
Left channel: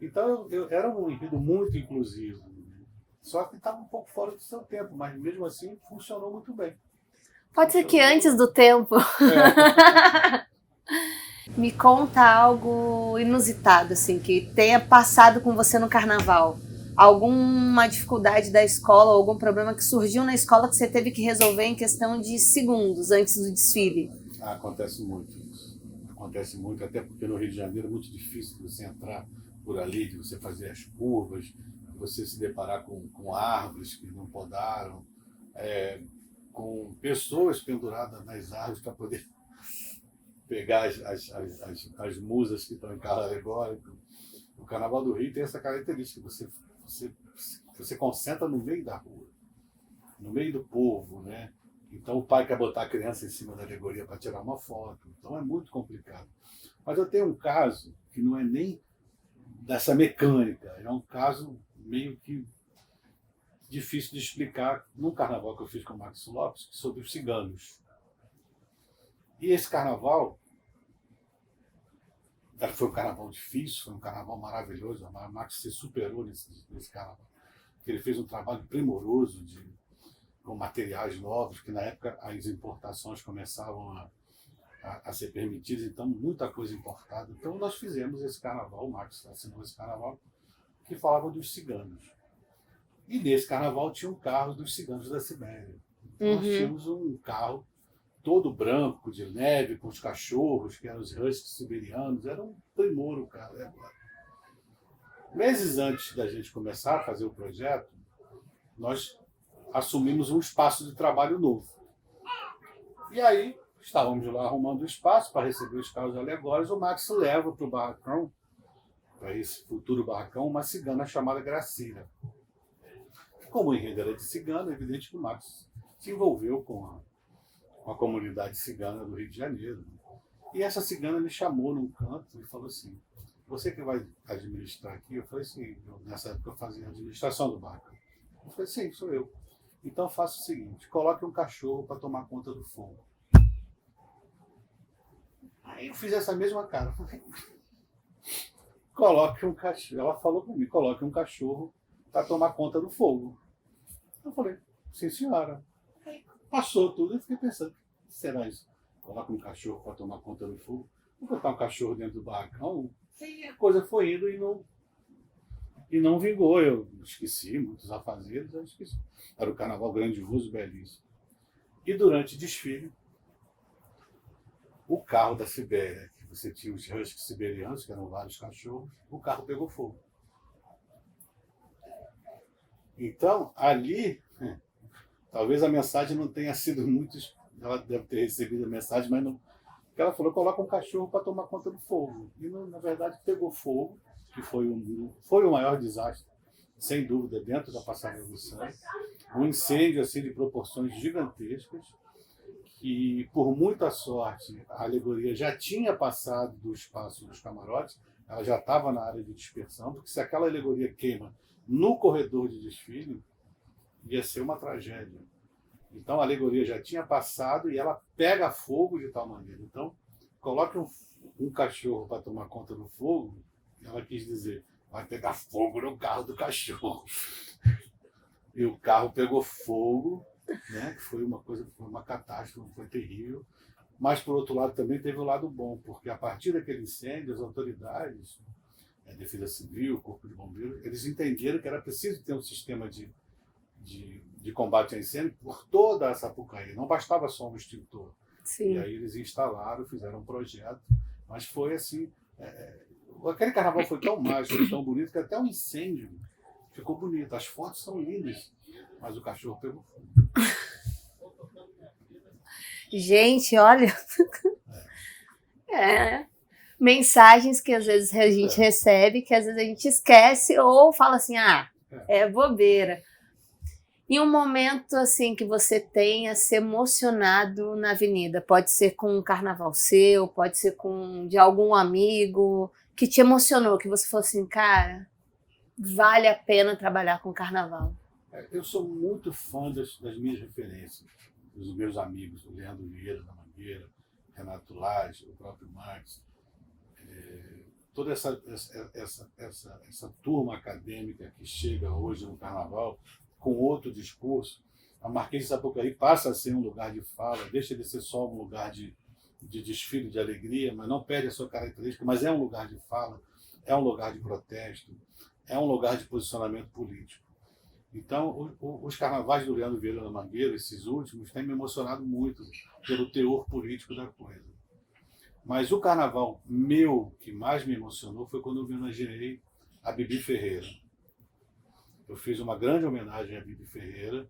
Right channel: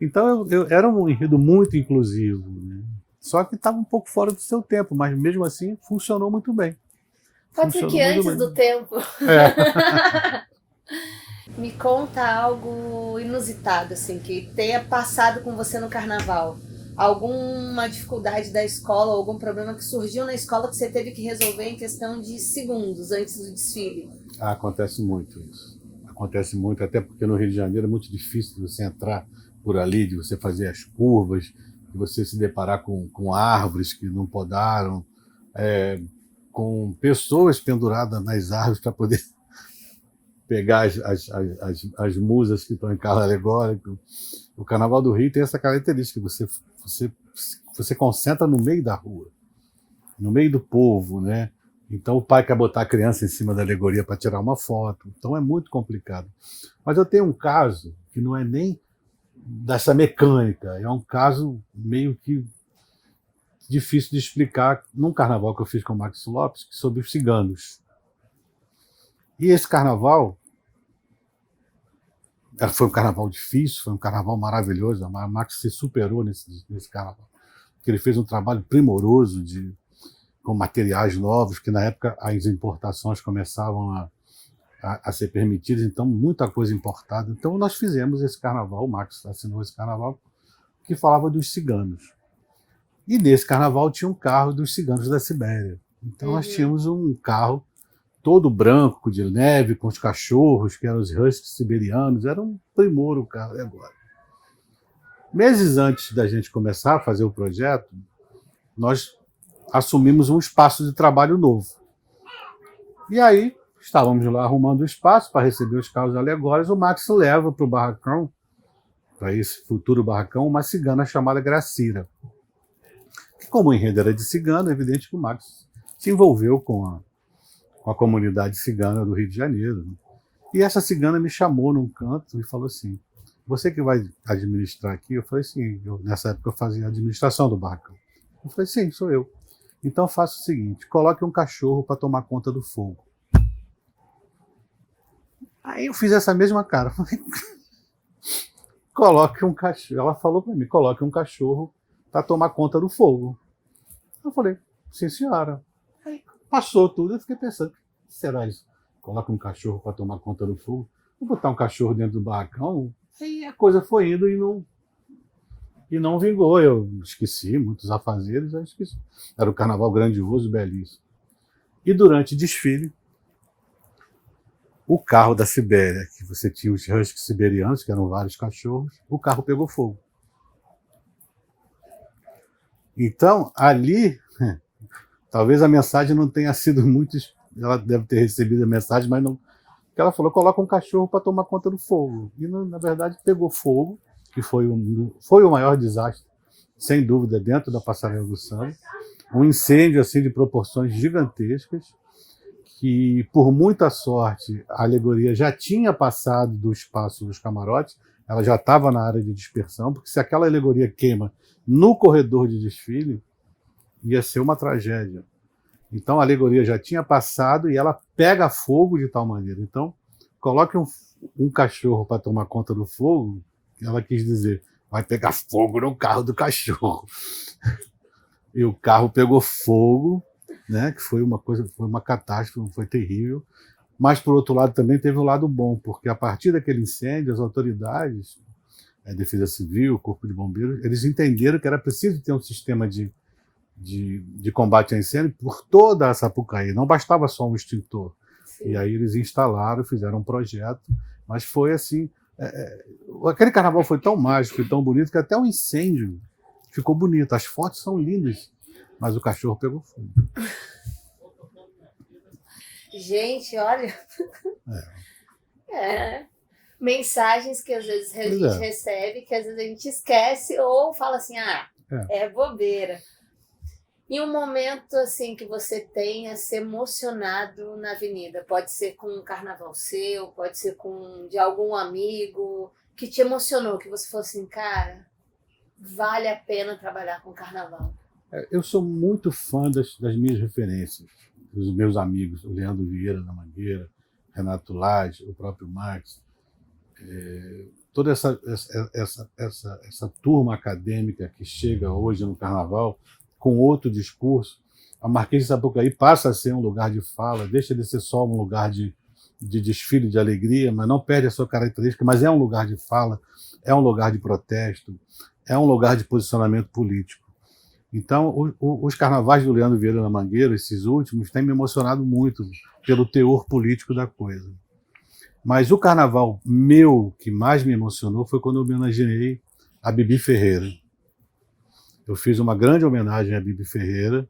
Então, era um enredo muito inclusivo, né? Só que estava um pouco fora do seu tempo, mas mesmo assim funcionou muito bem. Pode ser que antes do tempo. É. Me conta algo inusitado, assim, que tenha passado com você no carnaval. Alguma dificuldade da escola, algum problema que surgiu na escola que você teve que resolver em questão de segundos antes do desfile? Acontece muito isso. Acontece muito, até porque no Rio de Janeiro é muito difícil de você entrar por ali, de você fazer as curvas, de você se deparar com árvores que não podaram, com pessoas penduradas nas árvores para poder pegar as musas que estão em carro alegórico. O Carnaval do Rio tem essa característica, você concentra no meio da rua, no meio do povo, né? Então o pai quer botar a criança em cima da alegoria para tirar uma foto, então é muito complicado. Mas eu tenho um caso que não é nem dessa mecânica, é um caso meio que difícil de explicar num carnaval que eu fiz com o Max Lopes sobre os ciganos. E esse carnaval Foi um carnaval difícil, foi um carnaval maravilhoso. A Max se superou nesse carnaval. Porque ele fez um trabalho primoroso com materiais novos, que na época as importações começavam a ser permitidas, então muita coisa importada. Então nós fizemos esse carnaval, o Max assinou esse carnaval, que falava dos ciganos. E nesse carnaval tinha um carro dos ciganos da Sibéria. Então nós tínhamos um carro todo branco, de neve, com os cachorros, que eram os huskies siberianos. Era um primor o carro. Agora, meses antes da gente começar a fazer o projeto, nós assumimos um espaço de trabalho novo. E aí, estávamos lá arrumando o espaço para receber os carros alegóricos. O Max leva para o barracão, para esse futuro barracão, uma cigana chamada Gracira. Como o enredo era de cigano, é evidente que o Max se envolveu com a comunidade cigana do Rio de Janeiro. E essa cigana me chamou num canto e falou assim: você que vai administrar aqui? Eu falei: sim. Nessa época eu fazia a administração do barracão. Eu falei: sim, sou eu. Então faça o seguinte: coloque um cachorro para tomar conta do fogo. Aí eu fiz essa mesma cara. Coloque um cachorro. Ela falou para mim: coloque um cachorro para tomar conta do fogo. Eu falei: sim, senhora. Aí passou tudo, eu fiquei pensando: o que será isso? Coloca um cachorro para tomar conta do fogo? Vou botar um cachorro dentro do barracão? E a coisa foi indo e não vingou. Eu esqueci, muitos afazeres, eu esqueci. Era um carnaval grandioso, belíssimo. E durante o desfile, o carro da Sibéria, que você tinha os huskies siberianos, que eram vários cachorros, o carro pegou fogo. Então, ali, talvez a mensagem não tenha sido muito... Ela deve ter recebido a mensagem, mas não... Ela falou: coloca um cachorro para tomar conta do fogo. E, na verdade, pegou fogo, que foi o maior desastre, sem dúvida, dentro da Passarela do Samba. Um incêndio assim, de proporções gigantescas, que, por muita sorte, a alegoria já tinha passado do espaço dos camarotes, ela já estava na área de dispersão, porque se aquela alegoria queima no corredor de desfile, ia ser uma tragédia. Então a alegoria já tinha passado e ela pega fogo de tal maneira. Então, coloque um cachorro para tomar conta do fogo, ela quis dizer: vai pegar fogo no carro do cachorro. E o carro pegou fogo, né, que foi uma catástrofe, foi terrível. Mas, por outro lado, também teve um lado bom, porque a partir daquele incêndio, as autoridades, a Defesa Civil, o Corpo de Bombeiros, eles entenderam que era preciso ter um sistema de combate a incêndio por toda a Sapucaí. Não bastava só um extintor. Sim. E aí eles instalaram, fizeram um projeto, mas foi assim... aquele carnaval foi tão mágico, foi tão bonito, que até o incêndio ficou bonito. As fotos são lindas, mas o cachorro pegou fogo. Gente, olha... mensagens que às vezes a gente recebe, que às vezes a gente esquece ou fala assim: é bobeira. E um momento assim que você tenha se emocionado na avenida, pode ser com um carnaval seu, pode ser de algum amigo que te emocionou, que você falou assim: cara, vale a pena trabalhar com carnaval. Eu sou muito fã das minhas referências, dos meus amigos, o Leandro Vieira da Mangueira, Renato Lage, o próprio Max. Toda essa turma acadêmica que chega hoje no carnaval com outro discurso. A Marquês de Sapucaí passa a ser um lugar de fala, deixa de ser só um lugar de desfile de alegria, mas não perde a sua característica, mas é um lugar de fala, é um lugar de protesto, é um lugar de posicionamento político. Então, os carnavais do Leandro Vieira da Mangueira, esses últimos, têm me emocionado muito pelo teor político da coisa. Mas o carnaval meu que mais me emocionou foi quando eu homenageei a Bibi Ferreira. Eu fiz uma grande homenagem a Bibi Ferreira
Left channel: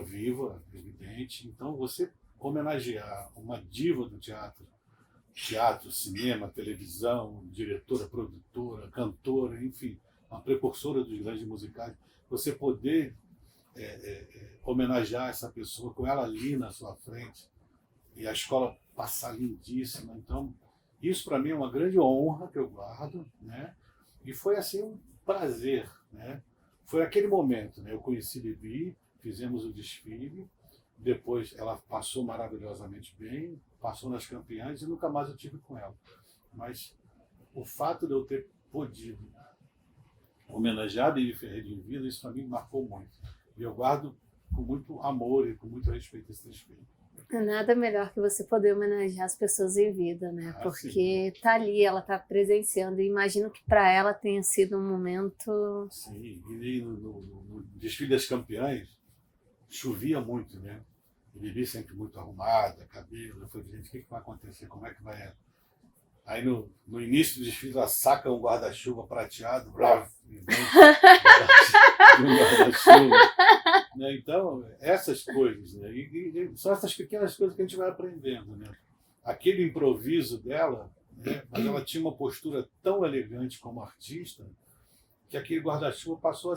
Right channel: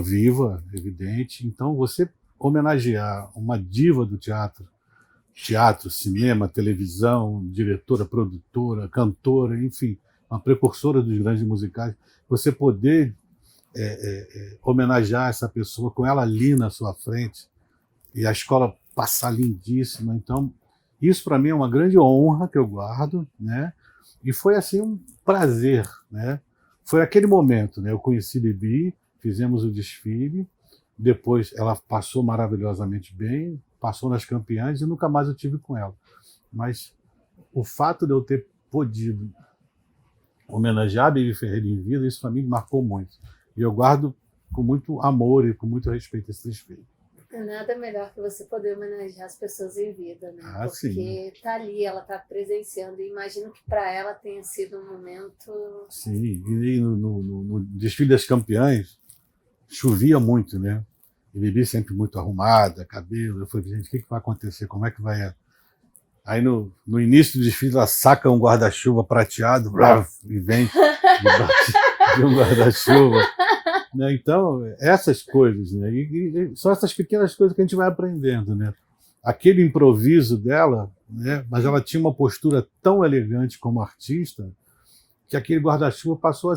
viva, evidente. Então, você homenagear uma diva do teatro, cinema, televisão, diretora, produtora, cantora, enfim, uma precursora dos grandes musicais, você poder homenagear essa pessoa com ela ali na sua frente e a escola passar lindíssima. Então, isso para mim é uma grande honra que eu guardo, né? E foi assim um prazer, né? Foi aquele momento, né? Eu conheci Bibi, fizemos o desfile, depois ela passou maravilhosamente bem, passou nas campeãs e nunca mais eu tive com ela. mas o fato de eu ter podido homenagear a Bibi Ferreira em vida, isso para mim marcou muito. E eu guardo com muito amor e com muito respeito esse desfile. É nada melhor que você poder homenagear as pessoas em vida, né? Porque tá ali, ela tá presenciando, e imagino que para ela tenha sido um momento... Sim, e no desfile das campeãs, chovia muito, né? E Bibi sempre muito arrumada, cabelo. Eu falei, gente, o que vai acontecer? Como é que vai... Aí no início do desfile ela saca um guarda-chuva prateado e vem de um guarda-chuva. Né? Então, essas coisas, né? E são essas pequenas coisas que a gente vai aprendendo. Né? Aquele improviso dela, né? Mas ela tinha uma postura tão elegante como artista que aquele guarda-chuva passou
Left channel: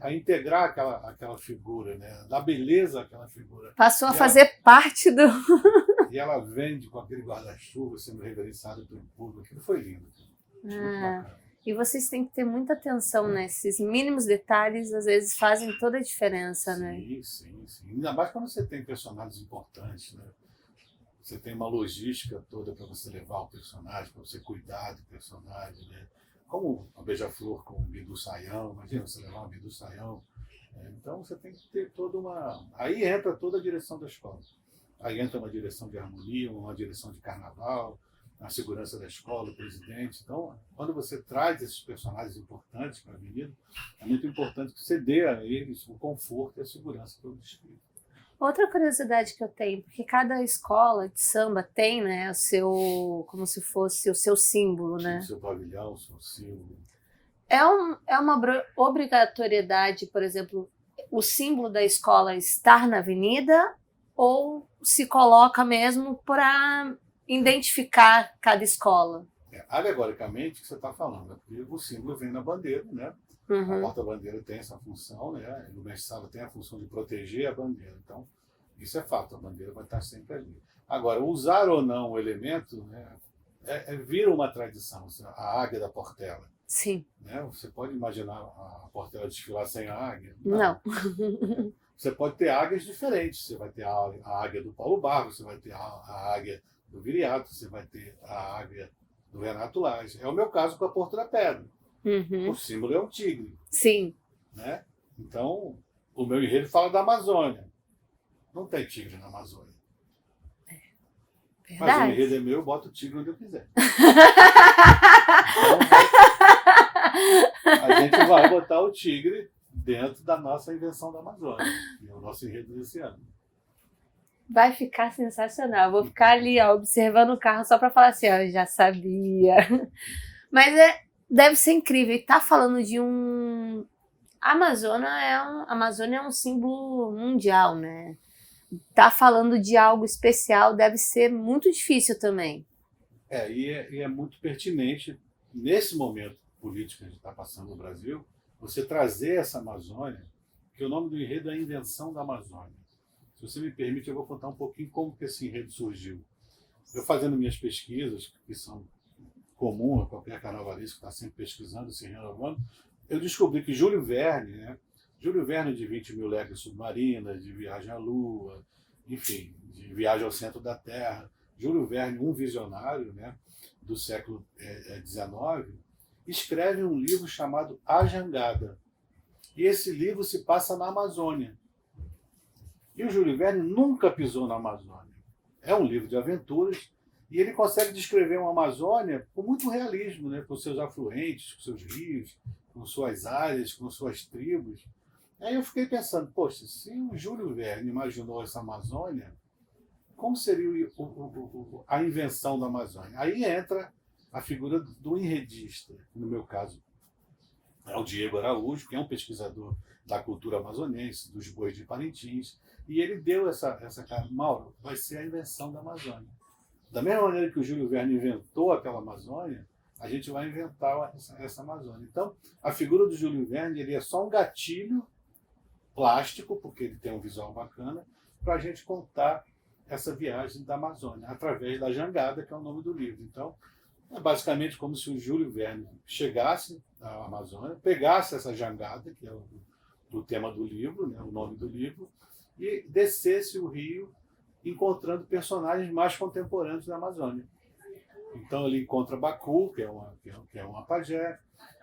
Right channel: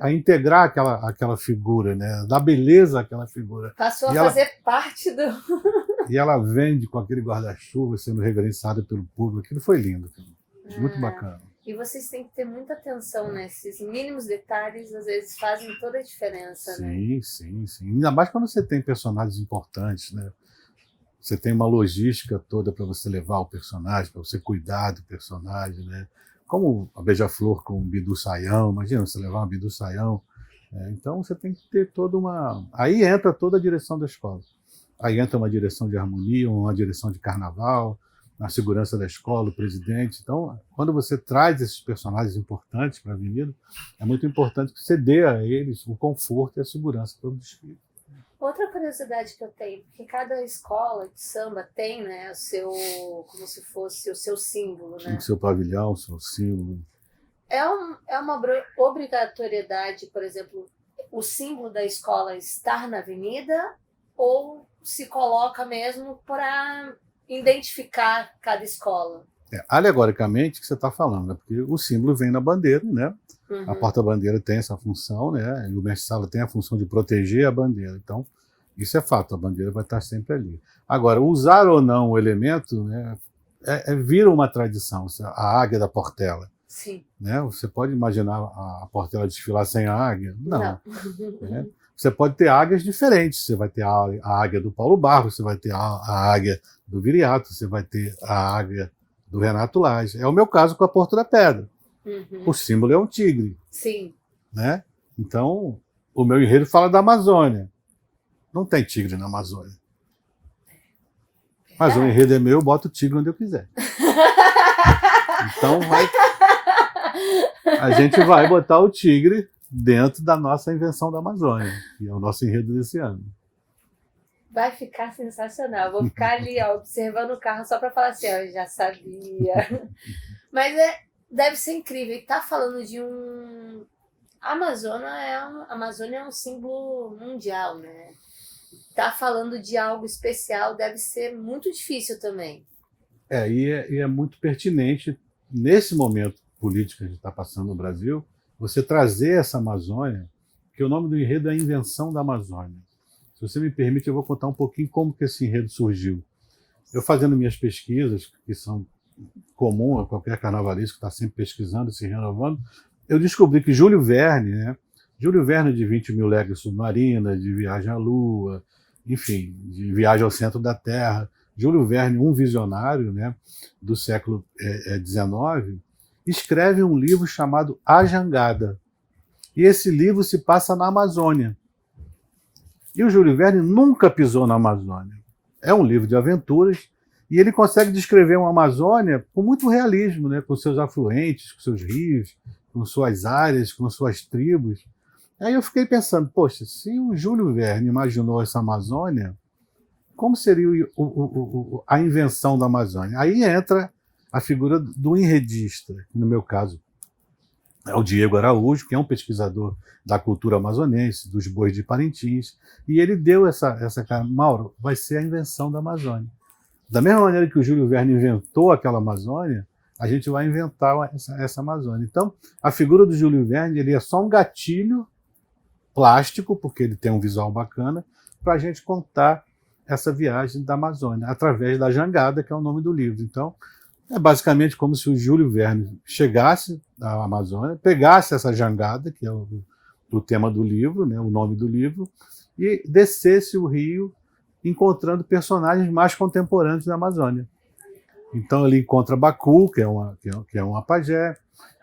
a integrar aquela figura, né? Dar beleza àquela figura. Passou a fazer parte do... E ela vende com aquele guarda-chuva sendo reverenciada pelo público. Aquilo foi lindo. Muito bacana. E vocês têm que ter muita atenção, né? Esses mínimos detalhes, às vezes, fazem toda a diferença, né? Sim. Ainda mais quando você tem personagens importantes, né? Você tem uma logística toda para você levar o personagem, para você cuidar do personagem, né? Como a Beija-Flor com o Bidu Sayão. Imagina você levar uma Bidu Sayão. Então você tem que ter toda uma... Aí entra toda a direção da escola. Aí entra uma direção de harmonia, uma direção de carnaval, a segurança da escola, o presidente. Então, quando você traz esses personagens importantes para a avenida, é muito importante que você dê a eles o conforto e a segurança para o desfile. Outra curiosidade que eu tenho, porque cada escola de samba tem, né, o seu, como se fosse o seu símbolo, né? O seu pavilhão, o seu símbolo. É uma obrigatoriedade, por exemplo, o símbolo da escola estar na avenida, ou se coloca mesmo para identificar cada escola? Alegoricamente, que você está falando, né? Porque o símbolo vem na bandeira, né? Uhum. A porta-bandeira tem essa função, né? E o mestre-sala tem a função de proteger a bandeira. Então, isso é fato, a bandeira vai estar sempre ali. Agora, usar ou não o elemento, né? Vira uma tradição, a águia da Portela. Sim. Né? Você pode imaginar a Portela desfilar sem a águia? Não. Né? Você pode ter águias diferentes. Você vai ter a águia do Paulo Barros, você vai ter a águia do Viriato, você vai ter a águia do Renato Lage. É o meu caso com a Porto da Pedra. Uhum. O símbolo é um tigre. Sim. Né? Então, o meu enredo fala da Amazônia. Não tem tigre na Amazônia. Verdade. Mas o enredo é meu, eu boto o tigre onde eu quiser. Então, a gente vai botar o tigre dentro da nossa invenção da Amazônia, que é o nosso enredo desse ano. Vai ficar sensacional. Vou ficar ali, ó, observando o carro só para falar assim, ó, eu já sabia. Mas deve ser incrível. E tá falando de um... A Amazônia é um símbolo mundial, né? Tá falando de algo especial, deve ser muito difícil também. E é muito pertinente, nesse momento político que a gente está passando no Brasil, você trazer essa Amazônia, que o nome do enredo é a Invenção da Amazônia. Se você me permite, eu vou contar um pouquinho como que esse enredo surgiu. Eu fazendo minhas pesquisas, que são comuns a qualquer carnavalista que está sempre pesquisando, se renovando, eu descobri que Júlio Verne, né? Júlio Verne de 20 mil léguas submarinas, de Viagem à Lua, enfim, de Viagem ao Centro da Terra. Júlio Verne, um visionário, né, do século XIX, escreve um livro chamado A Jangada. E esse livro se passa na Amazônia. E o Júlio Verne nunca pisou na Amazônia. É um livro de aventuras e ele consegue descrever uma Amazônia com muito realismo, né, com seus afluentes, com seus rios, com suas áreas, com suas tribos. Aí eu fiquei pensando, poxa, se o Júlio Verne imaginou essa Amazônia, como seria a invenção da Amazônia? Aí entra a figura do enredista, que no meu caso é o Diego Araújo, que é um pesquisador da cultura amazonense, dos bois de Parintins, e ele deu essa cara, Mauro, vai ser a invenção da Amazônia. Da mesma maneira que o Júlio Verne inventou aquela Amazônia, a gente vai inventar essa Amazônia. Então, a figura do Júlio Verne ele é só um gatilho plástico, porque ele tem um visual bacana, para a gente contar essa viagem da Amazônia, através da Jangada, que é o nome do livro. Então, é basicamente como se o Júlio Verne chegasse à Amazônia, pegasse essa jangada, que é o tema do livro, né, o nome do livro, e descesse o rio encontrando personagens mais contemporâneos da Amazônia. Então ele encontra Bacu, que é uma pajé,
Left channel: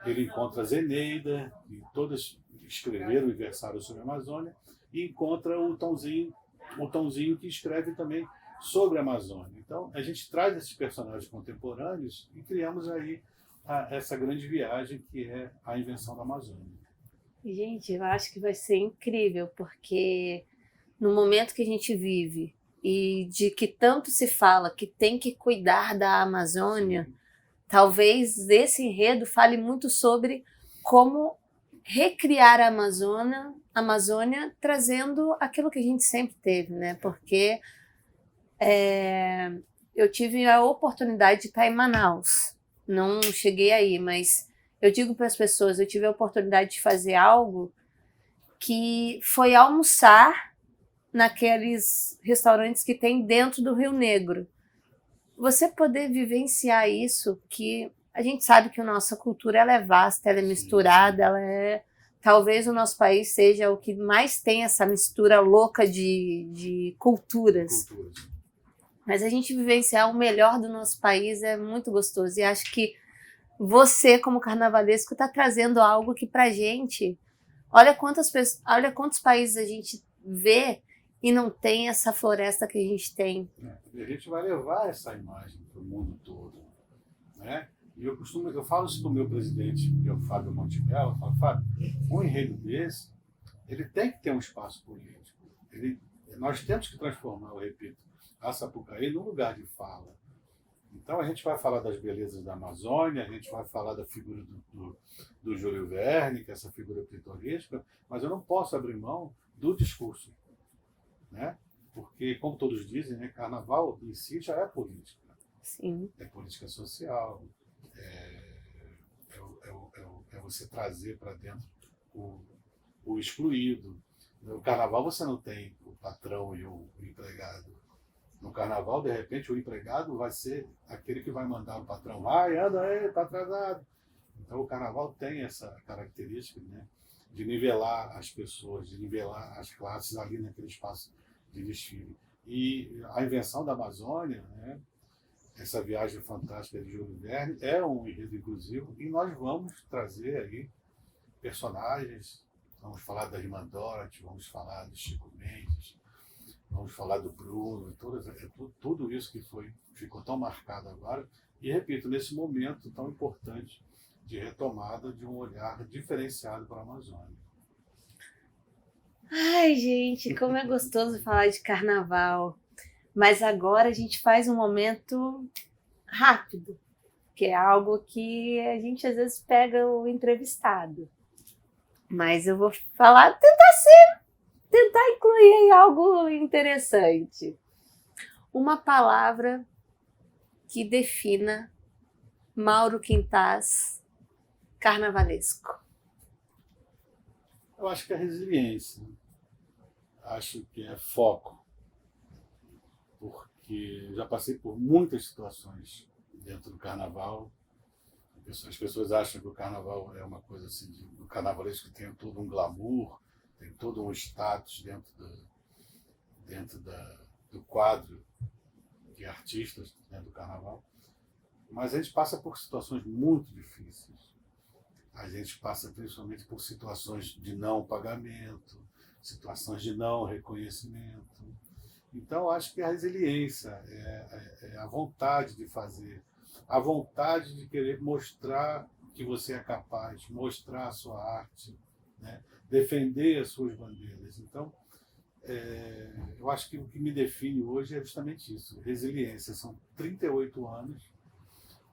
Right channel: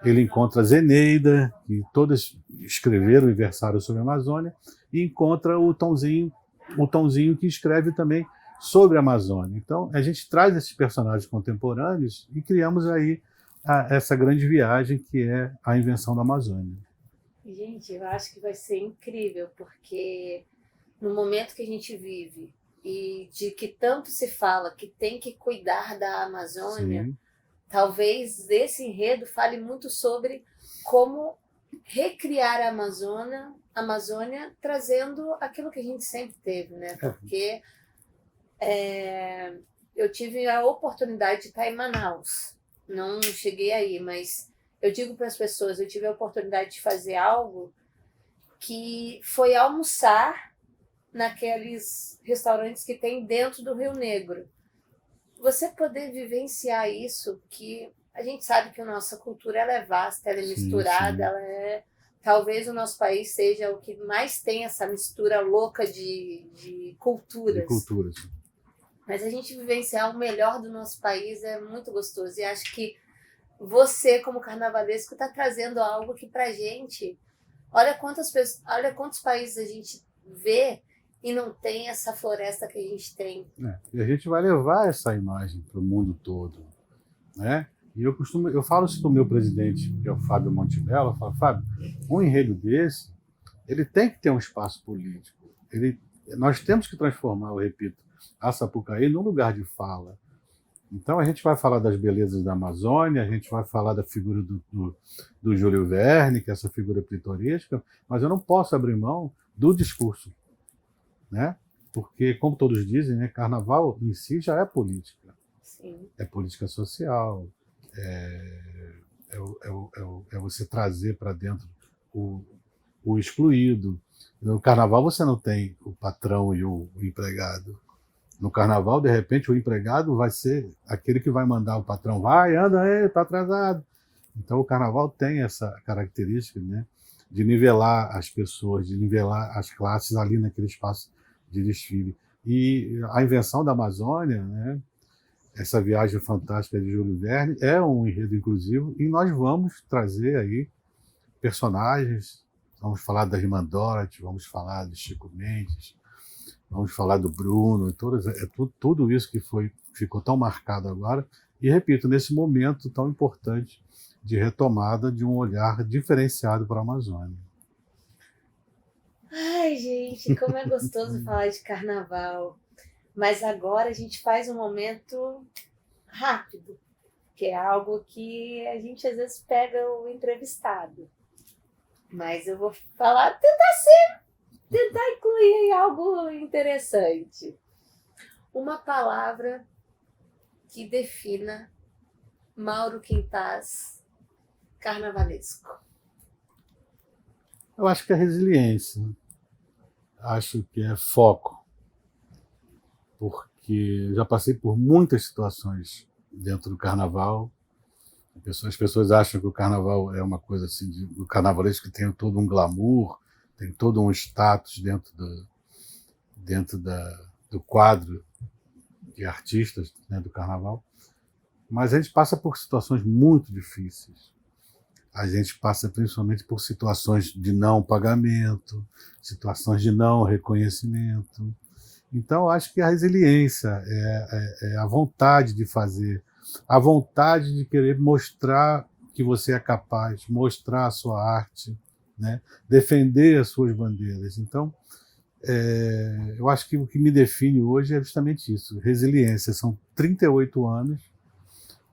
ele encontra Zeneida, que todas escreveram e versaram sobre a Amazônia, e encontra o Tonzinho que escreve também sobre a Amazônia. Então a gente traz esses personagens contemporâneos e criamos aí essa grande viagem que é a invenção da Amazônia. Gente, eu acho que vai ser incrível, porque no momento que a gente vive e de que tanto se fala que tem que cuidar da Amazônia, Sim, talvez esse enredo fale muito sobre como recriar a Amazônia trazendo aquilo que a gente sempre teve, né? Porque eu tive a oportunidade de estar em Manaus. Não cheguei aí, mas eu digo para as pessoas, eu tive a oportunidade de fazer algo que foi almoçar naqueles restaurantes que tem dentro do Rio Negro. Você poder vivenciar isso, que a gente sabe que a nossa cultura ela é vasta, ela é misturada, sim. ela é... Talvez o nosso país seja o que mais tem essa mistura louca de culturas. De culturas. Mas a gente vivenciar o melhor do nosso país é muito gostoso. E acho que você, como carnavalesco, está trazendo algo que pra gente... Olha quantos países a gente vê e não tem essa floresta que a gente tem. E a gente vai levar essa imagem para o mundo todo, né? E eu falo isso para o meu presidente, que é o Fábio Montemelo, eu falo, Fábio, um enredo desse, ele tem que ter um espaço político. Nós temos que transformar, eu repito, a Sapucaí num lugar de fala. Então a gente vai falar das belezas da Amazônia, a gente vai falar da figura do Júlio Verne, que é essa figura pitoresca, mas eu não posso abrir mão do discurso, né? Porque, como todos dizem, né, carnaval em si já é política. Sim. É política social, é você trazer para dentro o excluído. No carnaval você não tem o patrão e o empregado. No carnaval, de repente, o empregado vai ser aquele que vai mandar o patrão, vai, anda aí, está atrasado. Então o carnaval tem essa característica, né, de nivelar as pessoas, de nivelar as classes ali naquele espaço de desfile. E a invenção da Amazônia, né, essa viagem fantástica de Júlio Verne, é um enredo inclusivo e nós vamos trazer aí personagens, vamos falar da Irmã Dorothy, vamos falar do Chico Mendes, vamos falar do Bruno, tudo isso que ficou tão marcado agora. E, repito, nesse momento tão importante de retomada de um olhar diferenciado para a Amazônia. Ai, gente, como é gostoso falar de carnaval. Mas agora a gente faz um momento rápido, que é algo que a gente às vezes pega o entrevistado. Mas eu vou falar, tentar incluir algo interessante. Uma palavra que defina Mauro Quintás carnavalesco. Eu acho que é resiliência, acho que é foco, porque eu já passei por muitas situações dentro do carnaval. As pessoas acham que o carnaval é uma coisa assim, do carnavalesco que tem todo um glamour, tem todo um status dentro do quadro de artistas, né, do carnaval. Mas a gente passa por situações muito difíceis. A gente passa principalmente por situações de não pagamento, situações de não reconhecimento. Então, eu acho que a resiliência é a vontade de fazer, a vontade de querer mostrar que você é capaz, mostrar a sua arte, né? Defender as suas bandeiras. Então, eu acho que o que me define hoje é justamente isso, resiliência. São 38 anos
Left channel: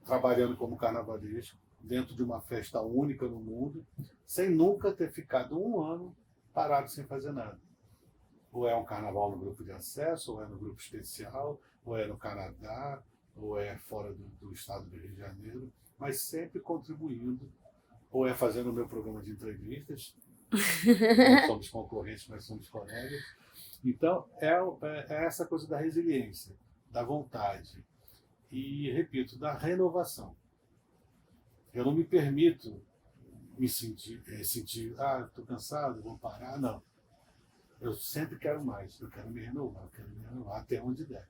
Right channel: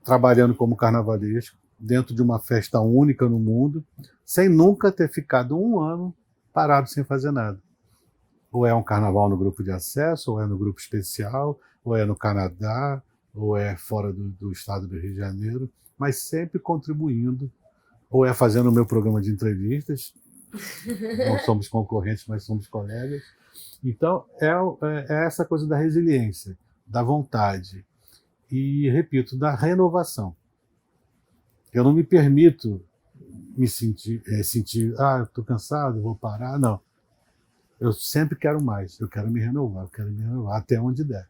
trabalhando como carnavalesco, dentro de uma festa única no mundo, sem nunca ter ficado um ano parado sem fazer nada. Ou é um carnaval no grupo de acesso, ou é no grupo especial, ou é no Canadá, ou é fora do estado do Rio de Janeiro, mas sempre contribuindo, ou é fazendo o meu programa de entrevistas, não somos concorrentes, mas somos colegas. Então, é essa coisa da resiliência, da vontade e, repito, da renovação. Eu não me permito me sentir eu estou cansado, vou parar, não. Eu sempre quero mais, eu quero me renovar até onde der.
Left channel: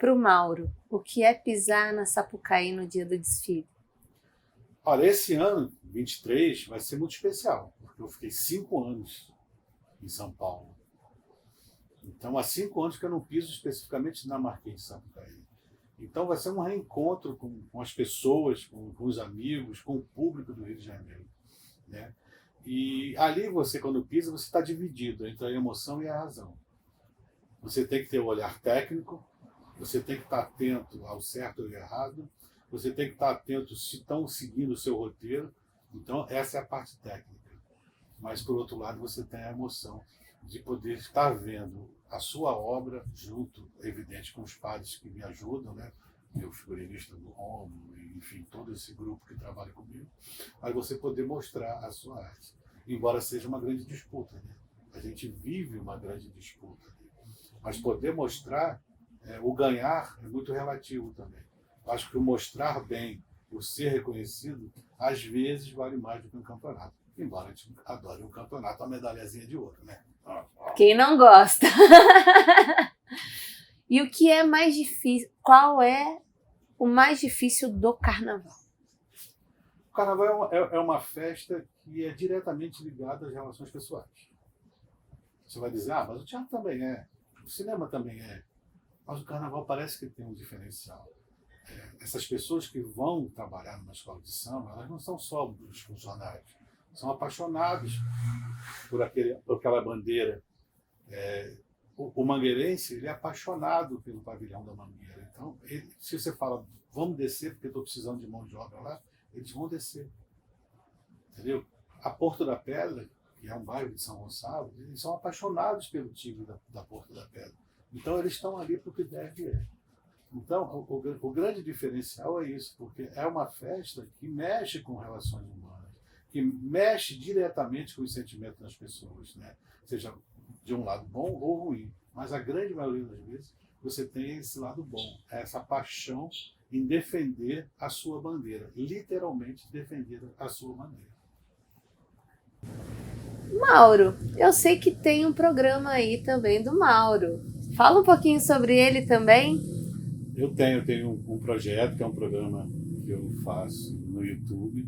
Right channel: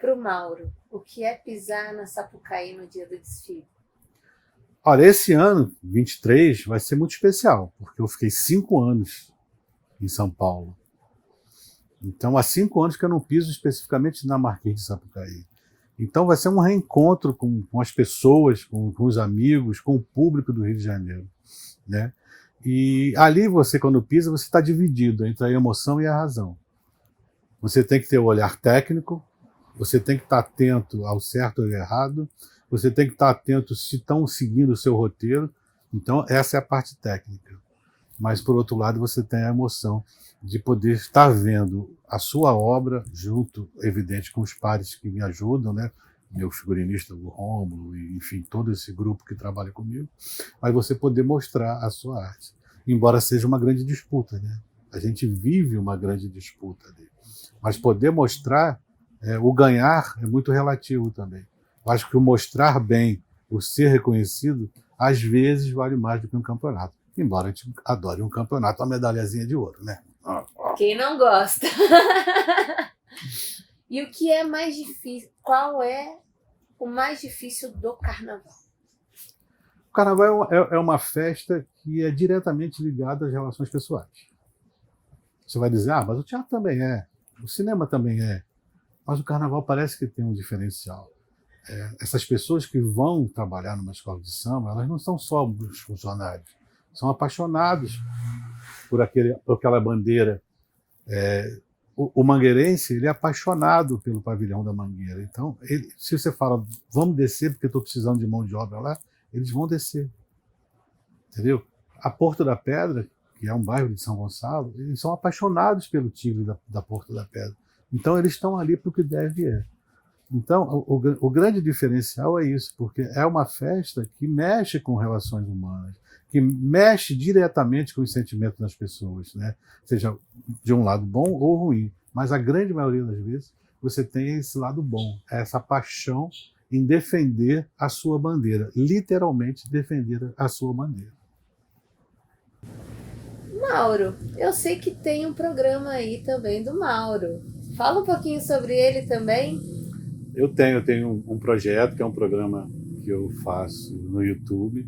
Para o Mauro, o que é pisar na Sapucaí no dia do desfile? Olha, esse ano, 23, vai ser muito especial, porque eu fiquei 5 anos em São Paulo. Então, há 5 anos que eu não piso especificamente na Marquês de Sapucaí. Então, vai ser um reencontro com as pessoas, com os amigos, com o público do Rio de Janeiro, né? E ali você, quando pisa, você está dividido entre a emoção e a razão. Você tem que ter o olhar técnico, você tem que estar atento ao certo ou ao errado, você tem que estar atento se estão seguindo o seu roteiro. Então, essa é a parte técnica. Mas, por outro lado, você tem a emoção de poder estar vendo a sua obra junto, evidente, com os pares que me ajudam, né? Meu figurinista, o Rômulo, e, enfim, todo esse grupo que trabalha comigo, mas você poder mostrar a sua arte. Embora seja uma grande disputa, né? A gente vive uma grande disputa ali. Mas poder mostrar, o ganhar é muito relativo também. Eu acho que o mostrar bem, o ser reconhecido, às vezes vale mais do que um campeonato. Embora a gente adore um campeonato, uma medalhazinha de ouro, né? Quem não gosta? E o que é mais difícil? Qual é o mais difícil do carnaval? O carnaval é uma festa que é diretamente ligada às relações pessoais. Você vai dizer, mas o teatro também é, o cinema também é, mas o carnaval parece que tem um diferencial. Essas pessoas que vão trabalhar numa escola de samba, elas não são só os funcionários, são apaixonados por aquela bandeira. O mangueirense, ele é apaixonado pelo pavilhão da Mangueira. Então, se você fala, vamos descer porque estou precisando de mão de obra lá, eles vão descer. Entendeu? A Porto da Pedra, que é um bairro de São Gonçalo, eles são apaixonados pelo tigre da Porto da Pedra. Então, eles estão ali para o que deve é. Então, o grande diferencial é isso, porque é uma festa que mexe com relações humanas, que mexe diretamente com os sentimentos das pessoas, né? Seja de um lado bom ou ruim. Mas a grande maioria das vezes você tem esse lado bom, essa paixão em defender a sua bandeira, literalmente defender a sua bandeira. Mauro, eu sei que tem um programa aí também do Mauro. Fala um pouquinho sobre ele também. Eu tenho um projeto, que é um programa que eu faço no YouTube,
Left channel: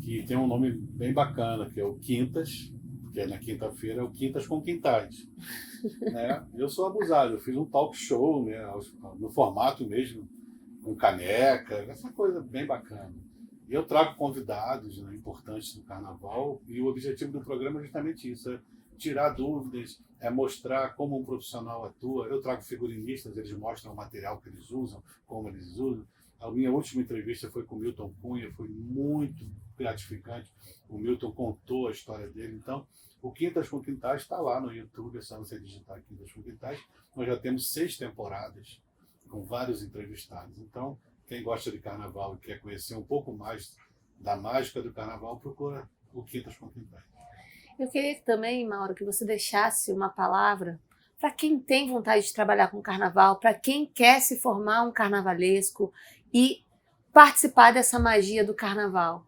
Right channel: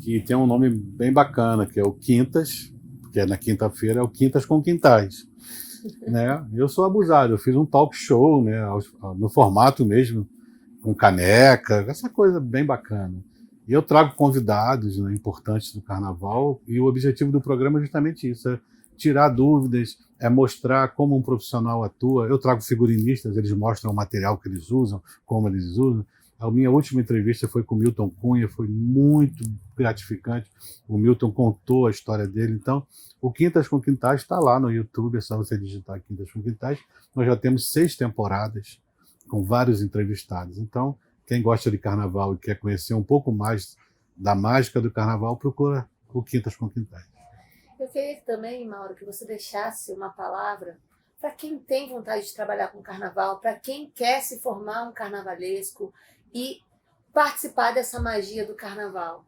que tem um nome bem bacana, que é o Quintas, que é na quinta-feira, é o Quintas com Quintais. Né? Eu sou abusado, eu fiz um talk show, né, no formato mesmo, com caneca, essa coisa bem bacana. E eu trago convidados, né, importantes do carnaval, e o objetivo do programa é justamente isso, é tirar dúvidas, é mostrar como um profissional atua. Eu trago figurinistas, eles mostram o material que eles usam, como eles usam. A minha última entrevista foi com o Milton Cunha, foi muito gratificante. O Milton contou a história dele. Então, o Quintas com Quintais está lá no YouTube, é só você digitar Quintas com Quintais. Nós já temos 6 temporadas com vários entrevistados. Então, quem gosta de carnaval e quer conhecer um pouco mais da mágica do carnaval, procura o Quintas com Quintais. Eu queria também, Mauro, que você deixasse uma palavra para quem tem vontade de trabalhar com carnaval, para quem quer se formar um carnavalesco e participar dessa magia do carnaval.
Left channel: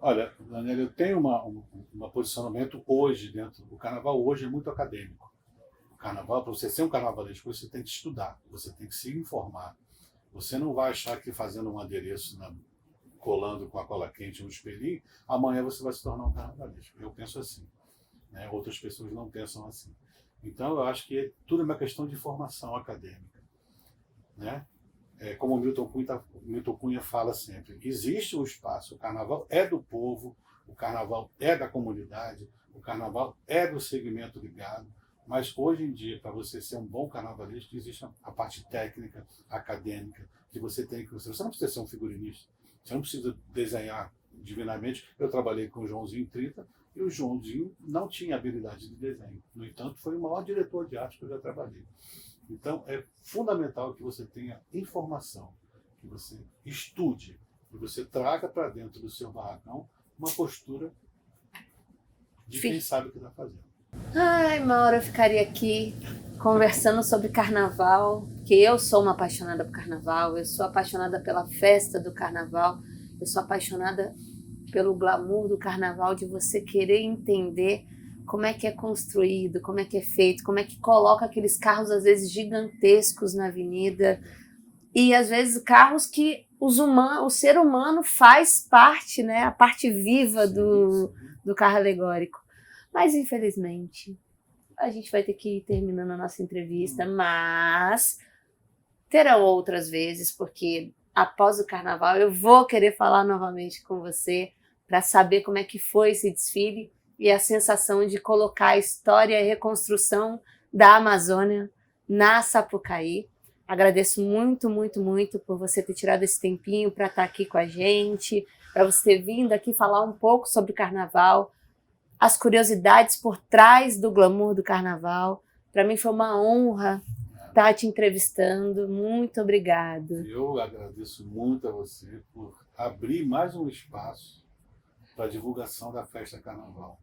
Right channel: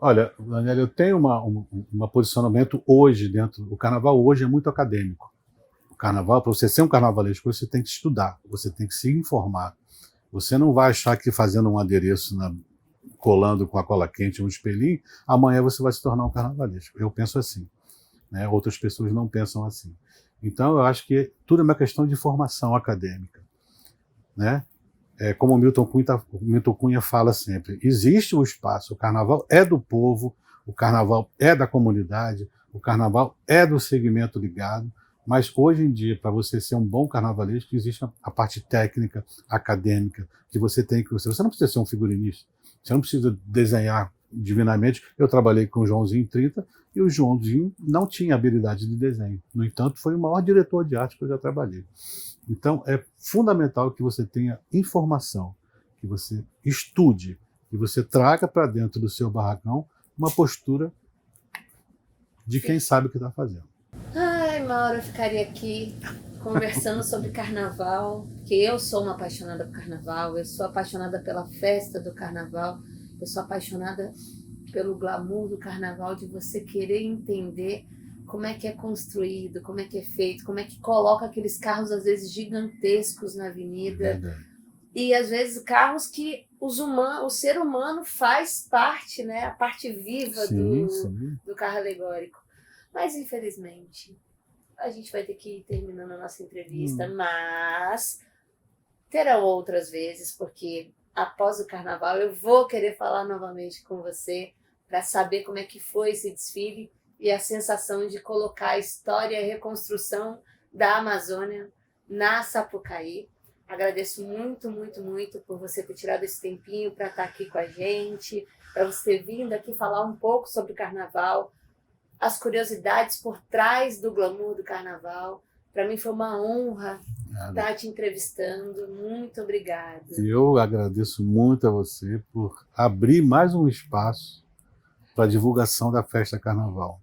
Olha, Daniela, eu tenho um posicionamento hoje dentro do carnaval. Hoje é muito acadêmico. O carnaval, para você ser um carnavalesco, você tem que estudar, você tem que se informar. Você não vai achar que fazendo um adereço, colando com a cola quente um espelhinho, amanhã você vai se tornar um carnavalesco. Eu penso assim, né? Outras pessoas não pensam assim. Então, eu acho que tudo é uma questão de formação acadêmica, né? Como o Milton Cunha fala sempre, existe um espaço, o carnaval é do povo, o carnaval é da comunidade, o carnaval é do segmento ligado, mas hoje em dia, para você ser um bom carnavalesco, existe a parte técnica, acadêmica, que você tem que... Você não precisa ser um figurinista, você não precisa desenhar divinamente. Eu trabalhei com o Joãozinho 30 e o Joãozinho não tinha habilidade de desenho. No entanto, foi o maior diretor de arte que eu já trabalhei. Então, é fundamental que você tenha informação, que você estude, que você traga para dentro do seu barracão uma postura de quem sabe o que está fazendo. Ai, Mauro, eu ficaria aqui conversando sobre carnaval, porque eu sou uma apaixonada por carnaval, eu sou apaixonada pela festa do carnaval, eu sou apaixonada pelo glamour do carnaval, de você querer entender como é que é construído, como é que é feito, como é que coloca aqueles carros, às vezes, gigantescos na avenida. E, às vezes, carros que o ser humano faz parte, né? A parte viva do carro alegórico. Mas, infelizmente, a gente vai ter que ir terminando a nossa entrevista, mas terão outras vezes, porque após o carnaval eu vou querer falar novamente com você para saber como é que foi esse desfile e a sensação de colocar a história e a reconstrução da Amazônia na Sapucaí. Agradeço muito, muito, muito por você ter tirado esse tempinho para estar aqui com a gente, para você ter vindo aqui falar um pouco sobre o carnaval, as curiosidades por trás do glamour do carnaval. Para mim foi uma honra estar te entrevistando. Muito obrigada. Eu agradeço muito a você por abrir mais um espaço para a divulgação da festa Carnaval.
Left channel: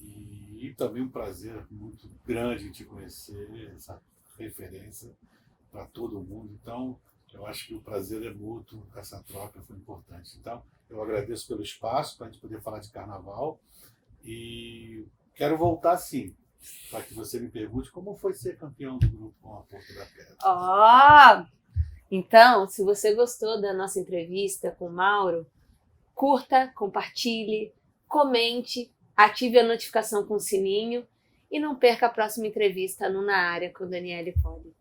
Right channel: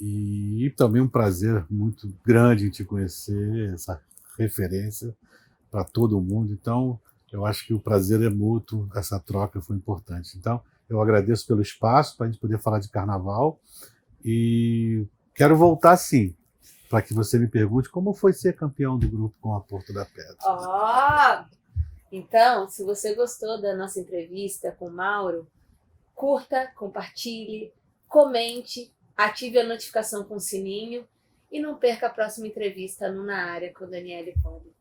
E também um prazer muito grande em te conhecer, essa referência para todo mundo. Então, eu acho que o prazer é mútuo, essa troca foi importante. Então, eu agradeço pelo espaço para a gente poder falar de Carnaval e quero voltar sim, para que você me pergunte como foi ser campeão do grupo com a Porto da Pedra. Então, se você gostou da nossa entrevista com o Mauro, curta, compartilhe, comente, ative a notificação com o sininho e não perca a próxima entrevista no Na Área com Daniele Poli.